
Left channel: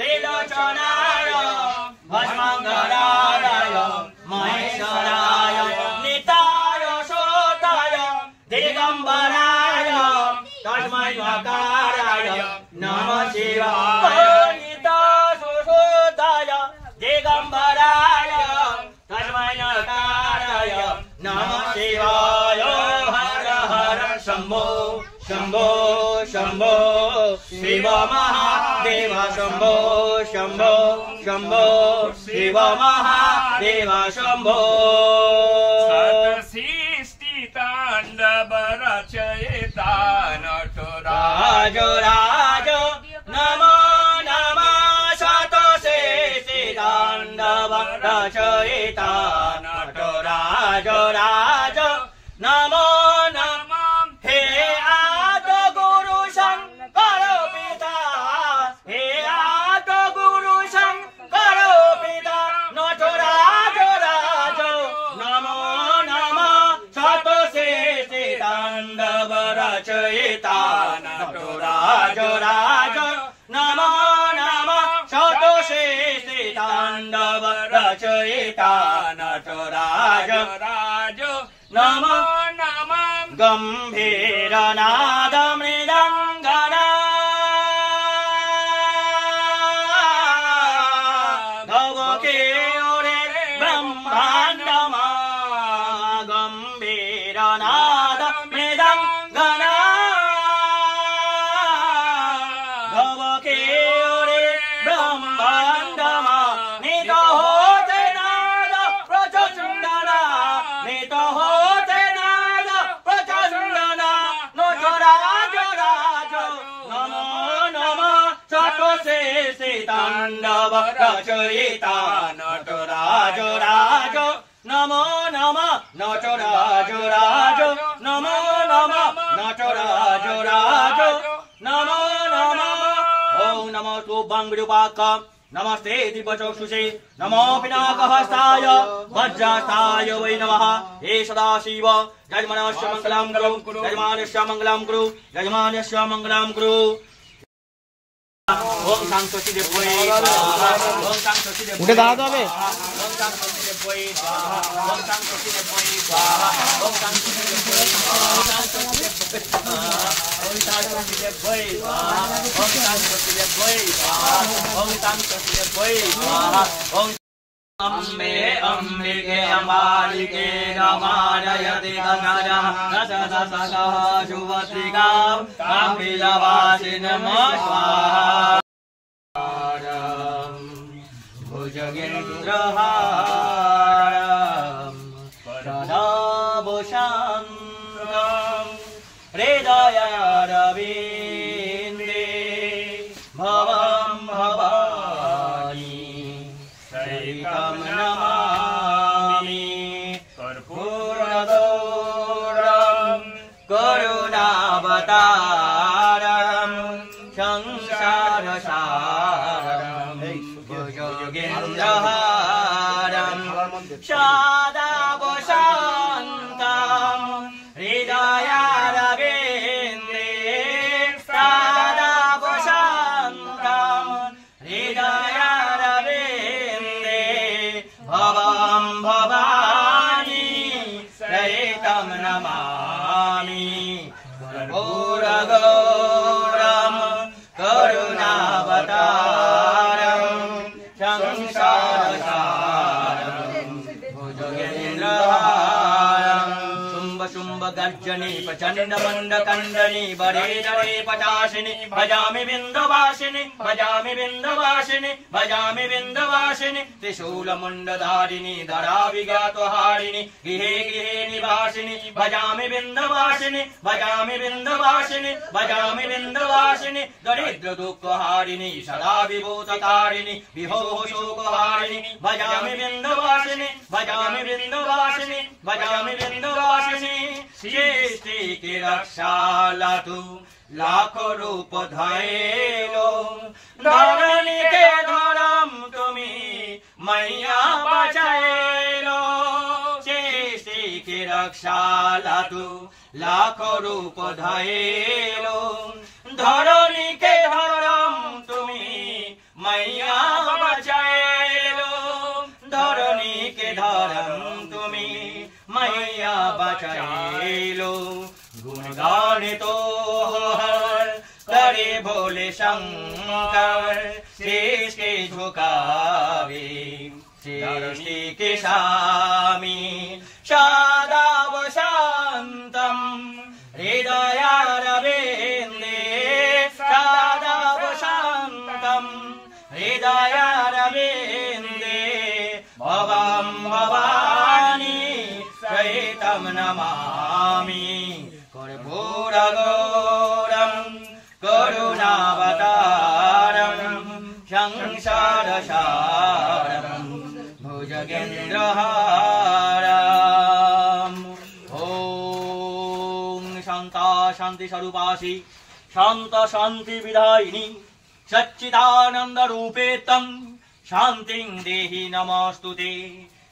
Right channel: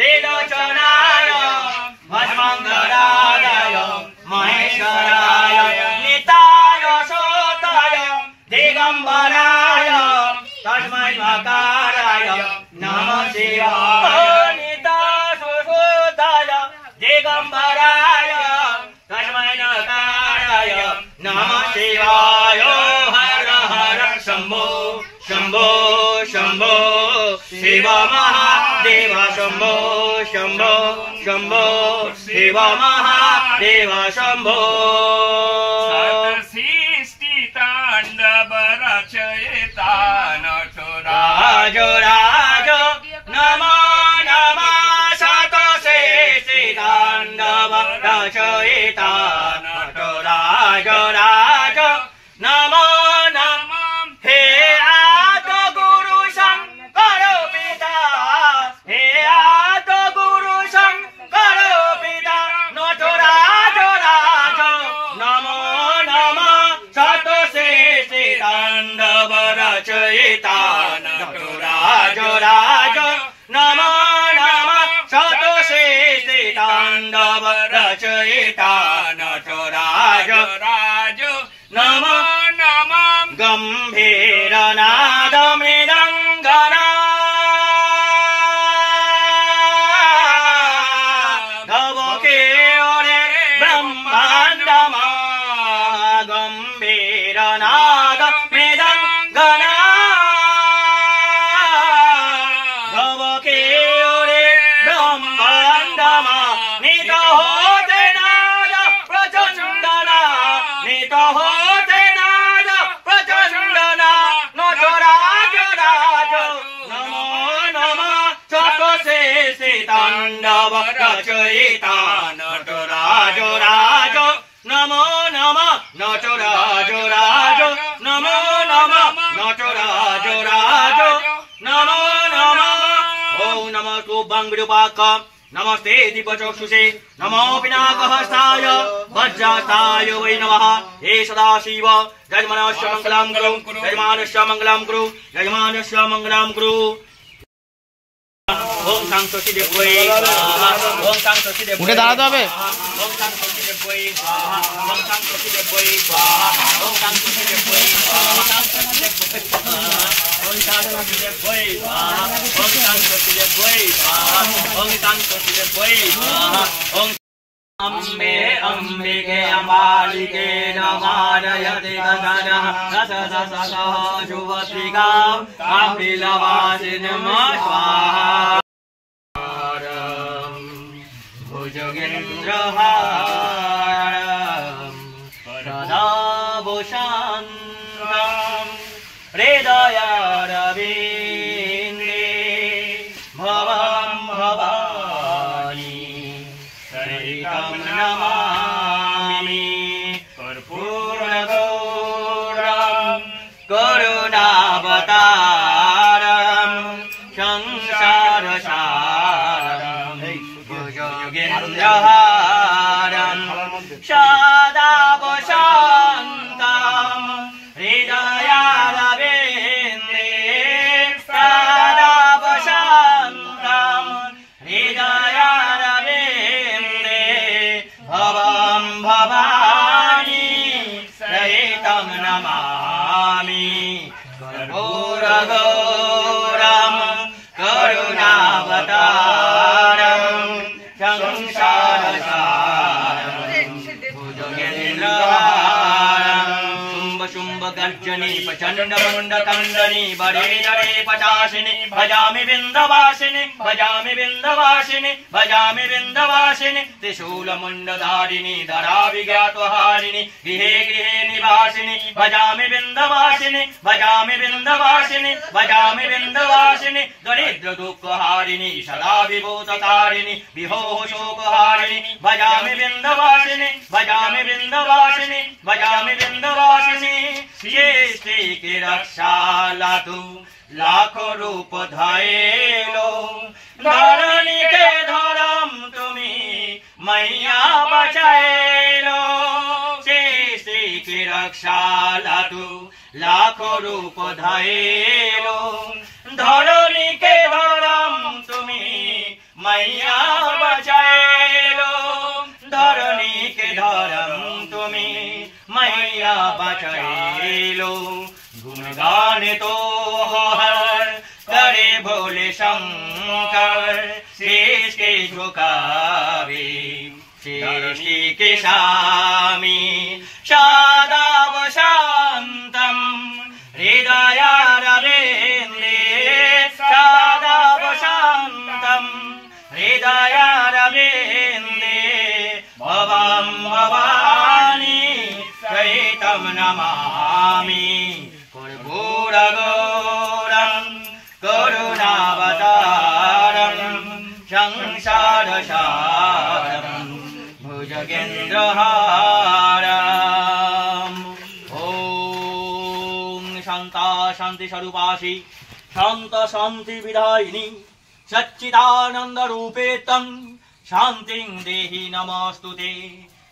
त्रिलोचनाय भस्माङ्गरागाय महेश्वराय निताय शोताय दिगम्बराय तस्मै मकाराय नमः शिवाय निताय शोताय दिगम्बराय तस्मै मकाराय नमः शिवाय हर हर शम्भो शम्भो शम्भो शिव महादेव शम्भो शम्भो शम्भो शिव महादेव शम्भो सृष्टिताण्डव रचयिता राज राज नमो नमः शतशेषिताण्डव रचयिता नटराज राज नमो नमः हे आदिगुरु शङ्कर पिता हे आदिगुरु शङ्कर पिता नटराज राज नमो नमः नमो नमः गम्भीरनादमृदङ्गना धवके ओरे ब्रह्माण्डमा गम्भीरनादमृदङ्गना धवके ओरे ब्रह्माण्डमा नित होते नाद प्रचण्डना नित होते नाद प्रचण्डना नटराज राज नमो नमः चतुर्शेषे ताण्डव रचयिता नटराज राज नमो नमः नटराज राज नमो नमः नटराज राज नमो नमः ॐ नमः तुभ्यं विरूपाक्ष नमस्ते दिव्यचक्षुषे नमो पिनाकहस्ताय वज्रहस्ताय वै नमः हे सदाशिव यजमानस्य मङ्गलं कुरु यजमानस्य मङ्गलं कुरु यजमानस्य मङ्गलं कुरु ओम शांति देवै स्वाहा ओम शांति देवै उठे दाঁড়াতে হবে ओम शांति देवै स्वाहा ओम शांति देवै स्वाहा ओम शांति देवै स्वाहा ओम शांति देवै स्वाहा ओम शांति देवै स्वाहा ओम शांति देवै स्वाहा ओम अम्बे अम्बिके अम्बालिके नमारयते गगनः रसरसः शुभत्रिकां कापिलवासिनमः स्वाहा भुजगेन्द्रहारं सदाभूषान्तं हृदयारविन्दे भवं भवानी सहितं नमामि कर्पूरगौरं करुणावतारं संसारसारं भुजगेन्द्रहारं सदा वसन्तं हृदयारविन्दे सदा वसन्तं हृदयारविन्दे भवं भवानी सहितं नमामि कर्पूरगौरं करुणावतारं संसारसारं भुजगेन्द्रहारं शुम्भ शुम्भ गर्जनी प्रचण्ड मुण्ड खण्डनी बरे जरे पचाशिनी भजामि विन्ध्यवासिनी भजामि विन्ध्यवासिनी भजामि विन्ध्यवासिनी त्रिशूल मुण्डधारिणी धरा विज्ञातहारिणी गृहे गृहे निवासिनी भजामि विन्ध्यवासिनी भजामि विन्ध्यवासिनी भजामि विन्ध्यवासिनी दरिद्र दुःखहारिणी सदा विभूतकारिणी विभोः शोकहारिणी भजामि विन्ध्यवासिनी भजामि विन्ध्यवासिनी भजामि विन्ध्यवासिनी सृष्टि की रक्षा लातु लाखो रूप धैलो धरणी के धरम तुमी मैया बचाएलो सृष्टि की रक्षा लातु लाखो रूप धैलो धरणी के धरम तुमी मैया बचाएलो धरणी के धरम तुमी मैया बचाएलो गुणगान तो हर करे भोले शंकर शेष के झुकावे सृष्टि के स्वामी सदा वसन्तं हृदयारविन्दे सदा वसन्तं हृदयारविन्दे भवं भवानी सहितं नमामि कर्पूरगौरं करुणावतारं संसारसारं भुजगेन्द्रहारम् ॐ शान्ता शान्ति स्वरूपासि शान्त शान्ति विधायिनी सच्चिदानंद रूपे तं शान्तिं देहि नमस्तुते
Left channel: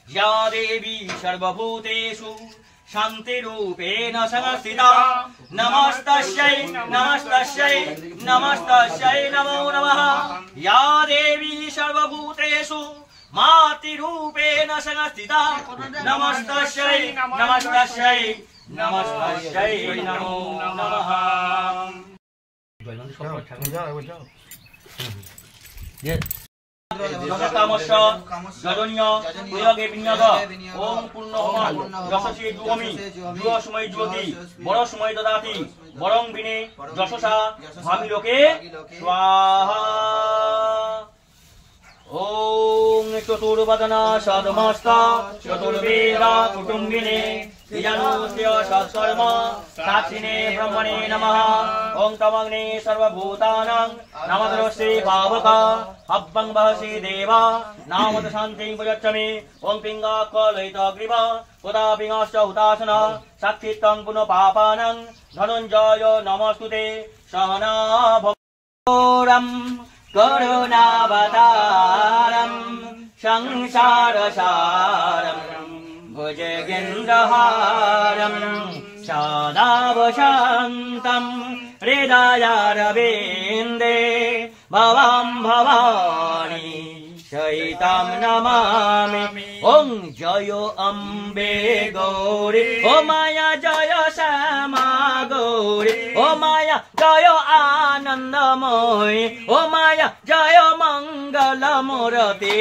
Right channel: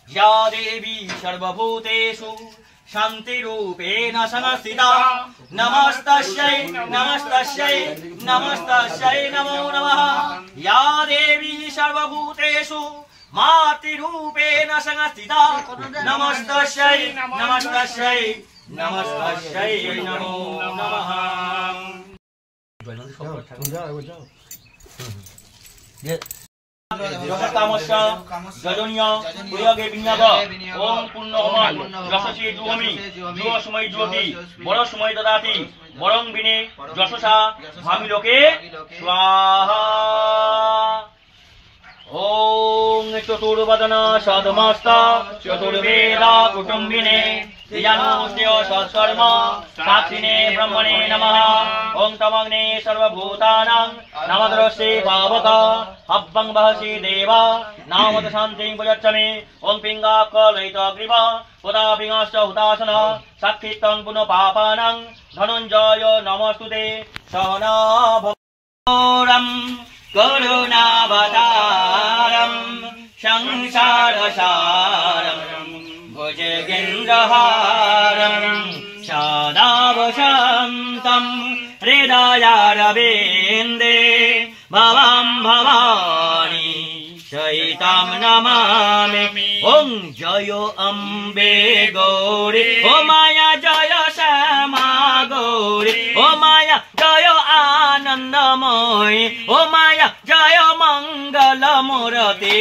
या देवी सर्वभूतेषु शान्तिरूपेण संस्थिता नमस्तस्यै नमस्तस्यै नमस्तस्यै नमो नमः या देवी सर्वभूतेषु मातृरूपेण संस्थिता नमस्तस्यै नमस्तस्यै नमस्तस्यै नमो नमः जगत्तामस्य गजनीय प्रयोगे विन्याग ओम पुण्यहोम यशसे जुहोमि जुहोस्मै ज्योति बरस्मै ददाति वरं विने यशसा भामि लोके स्वाहा ओम चतुर्वदन सदमस्ता चतुर्वेदा कुटुम्बिने धियानोस्य सत्कर्म साक्षिणे ब्रह्मणे नमः ओम तमग्ने सर्वभूतानां नमद्रस्ये पावक हव्वं वहसि देवा नामद शान्तिं प्रयच्छमि ओम पिङ्गाकलयितग्रीव पुदा पिङ्गश्च हुतासन साक्षितं पुनः पापानां धनञ्जय नमस्तुते सहना भवरं करुणावतारं संसारसारं भुजगेन्द्रहारं सदा वसन्तं हृदयारविन्दे भवं भवानी सहितं नमामि ॐ जय अम्बे गौरी ओ माया जय श्यामा गौरी ओ माया जय आनन्दमयी ओ माया जय मङ्गलमूर्ति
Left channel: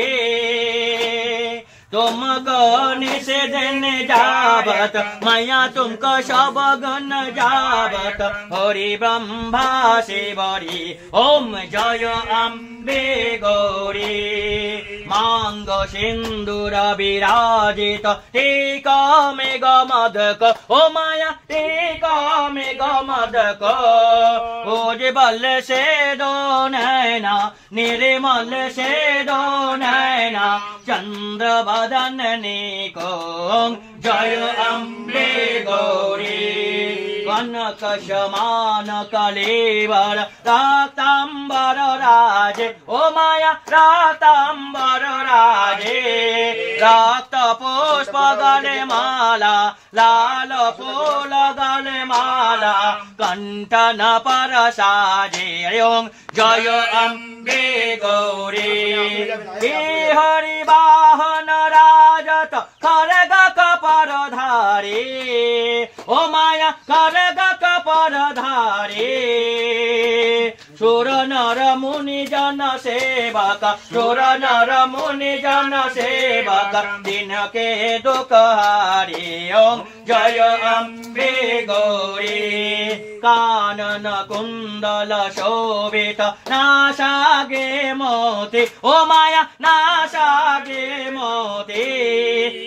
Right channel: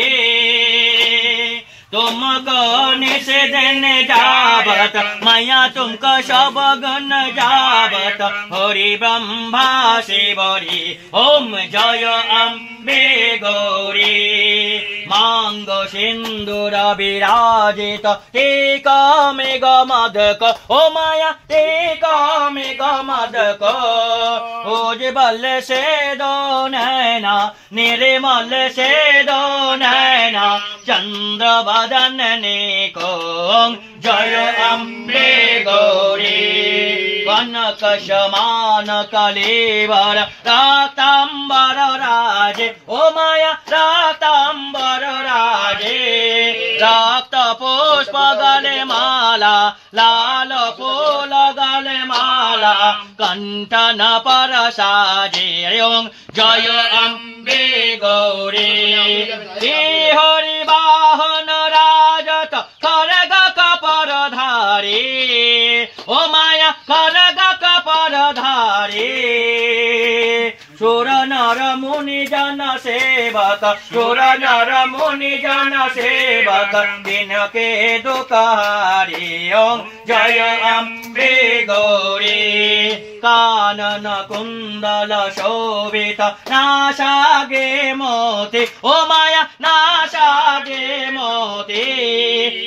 तुमको निषेधन जावत माया तुमको सब गण जावत हरि ब्रह्मा शिवरी ओम जय अम्बे गौरी मांग सिंदूर विराजित टीक मेघ मदक ओ माया टीक मेघ मदक उज्ज्वल से दो नैना निर्मल से दो नैना चंद्र वदनने को जय अम्बे गौरी कनक समान कलेवर रातांबर राजे ओ माया रातांबर राजे रक्त पुष्प गले माला लाल फूल गले माला कंठन पर साजे ओम जय अम्बे गौरी हरि वाहन राजत खरग कपर धारी ओ माया खरग कपर धारी सुर नर मुनि जन सेवक सुर नर मुनि जन सेवक दिन के दुखहारी ओम जय अम्बे गौरी कानन कुंडल शोभित नासागे मोती ओ माया नासागे मोती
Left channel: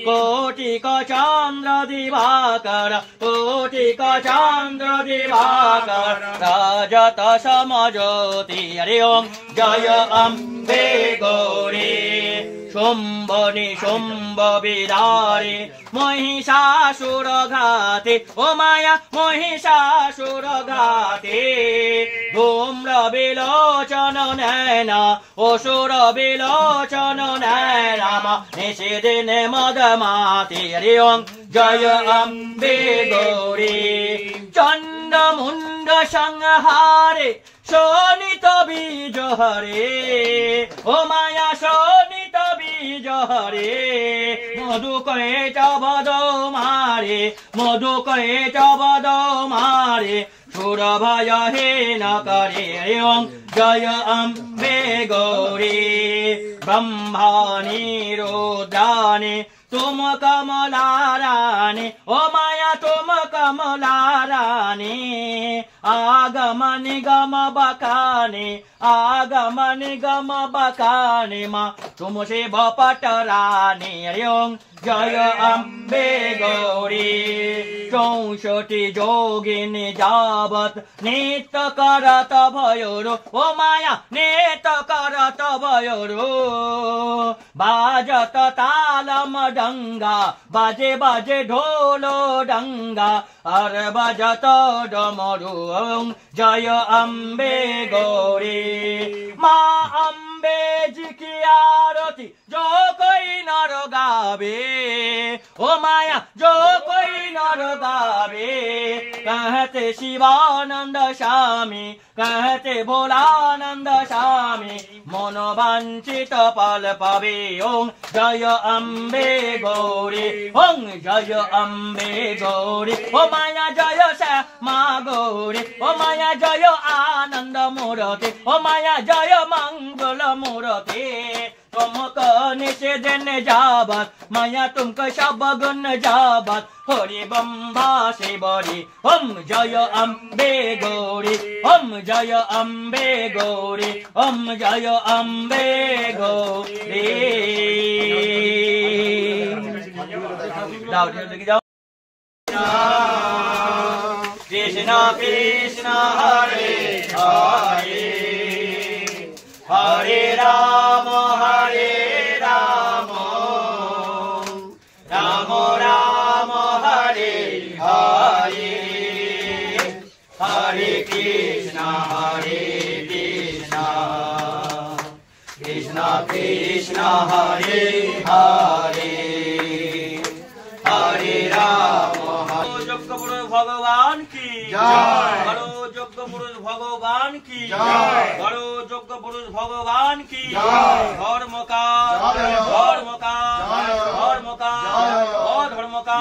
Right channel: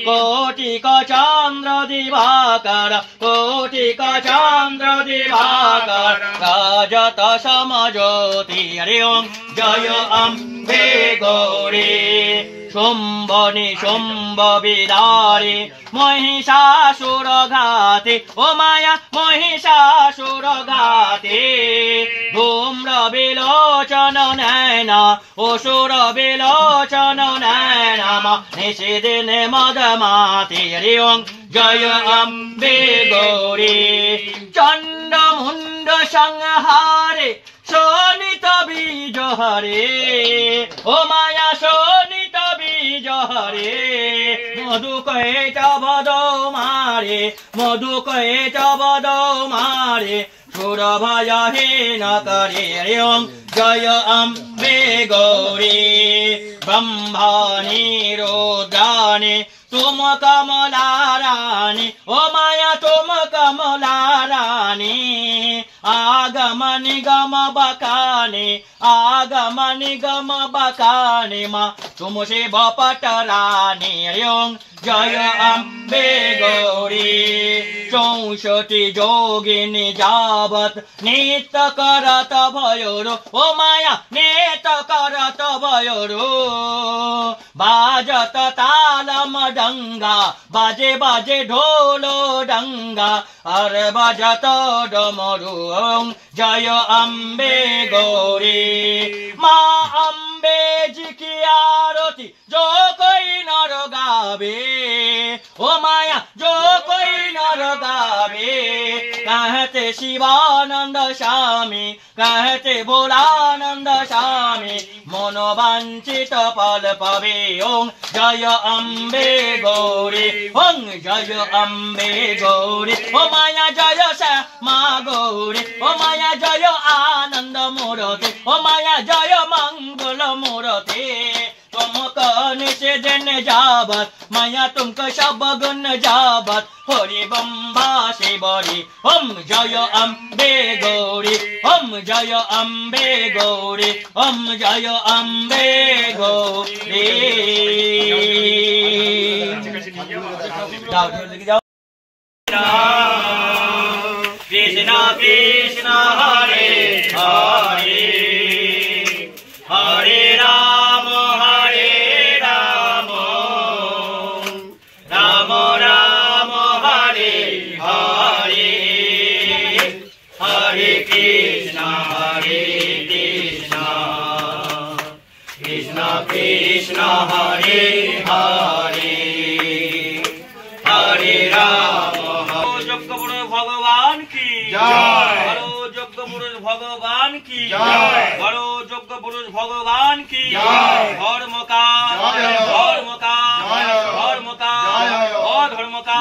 कोटिक चंद्र दिवाकर कोटिक चंद्र दिवाकर राजत समज्योति हरि ओम जय अम्बे गौरी शुंभनि शुंभ विदारी महिषासुर घाती ओ माया महिषासुर घाती धूम्र विलोचन नैना असुर विलोचन नैना निषेधन मदमाति हरि ओम जय अम्बे गौरी चंड मुंड संहारे शोणित बीज हरे ओ माया शोणित बीज हरे मधु कहे बदो मारे मधु कहे बदो मारे सुर भय हे न करे हरि ओम जय अम्बे गौरी ब्रह्माणि रुद्राणि तुम कमला रानी ओ माया तुम कमला रानी आगम निगम बकानी आगम निगम बकानी माँ तुम शिव पट रानी हरि ओम जय अम्बे गौरी 64 जोगिनी जावत नित्य करत भयोरो ओ माया नित्य करत भयोरो बाजत तालम डंगा बाजे बाजे ढोलो डंगा और बजत डमरू ओम जय अम्बे गौरी माँ अम्बे जी की आरती जो कोई नर गावे ओ माया जो कोई नर गावे कहते शिवानंद स्वामी कहते भोलानंद स्वामी मनोवांछित फल पावे ओम जय अम्बे गौरी ओम जय अम्बे गौरी ओ माया जय श्यामा गौरी ओ माया जय आनंद मूर्ति ओ माया जय मंगल मूर्ति तुमको निषेधन जाबत माया तुमको सब गुण जाबत हरि बम्बा शिवरी ओम जय अम्बे गौरी ओम जय अम्बे गौरी ओम जय अम्बे गौरी जाओ लेके जाओ कृष्ण कृष्ण हरे हरे हरे राम राम राम हरे हरे हरे कृष्ण कृष्ण कृष्ण हरे हरे हरे राम यज्ञ पुरुष भगवान की जय बड़ो यज्ञ पुरुष भगवान की जय बड़ो यज्ञ पुरुष भगवान की जय धर्म का धर्म का धर्म का अधर्म का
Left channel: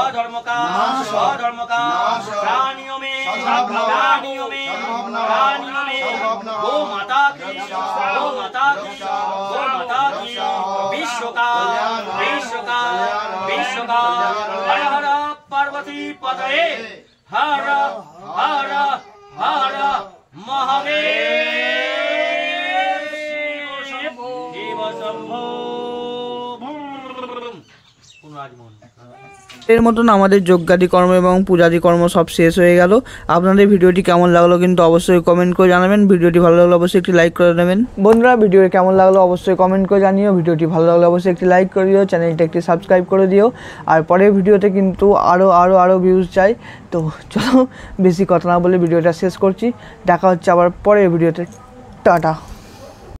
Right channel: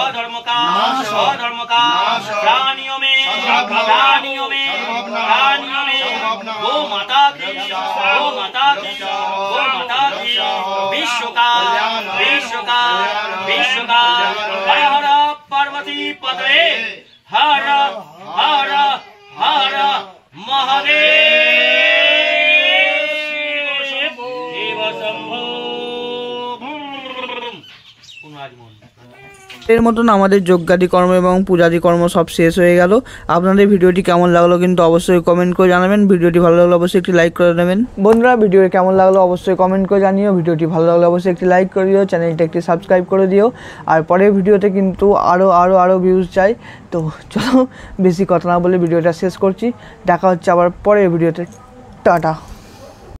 अधर्म का अधर्म का प्राणियों में प्राणियों में प्राणियों में गो माता की गो माता की गो माता की विश्व का विश्व का विश्व का हर हर पार्वती पतये हर हर हर महादेव शिव शंभो এর মতন আমাদের যজ্ঞাদি কর্ম এবং পূজাদি কর্ম সব শেষ হয়ে গেল। আপনাদের ভিডিওটি কেমন লাগলো কিন্তু অবশ্যই কমেন্ট করে জানাবেন। ভিডিওটি ভালো লাগলে অবশ্যই একটি লাইক করে দেবেন। বন্ধুরা ভিডিওটি কেমন লাগলো অবশ্যই কমেন্ট করে জানিও। ভিডিওটি ভালো লাগলে অবশ্যই একটি লাইক করে দিও, চ্যানেলটা একটি সাবস্ক্রাইব করে দিও। আর পরের ভিডিওতে কিন্তু আরও ভিউজ চাই। তো চলো বেশি কথা না বলে ভিডিওটা শেষ করছি। দেখা হচ্ছে আবার পরের ভিডিওতে। টাটা।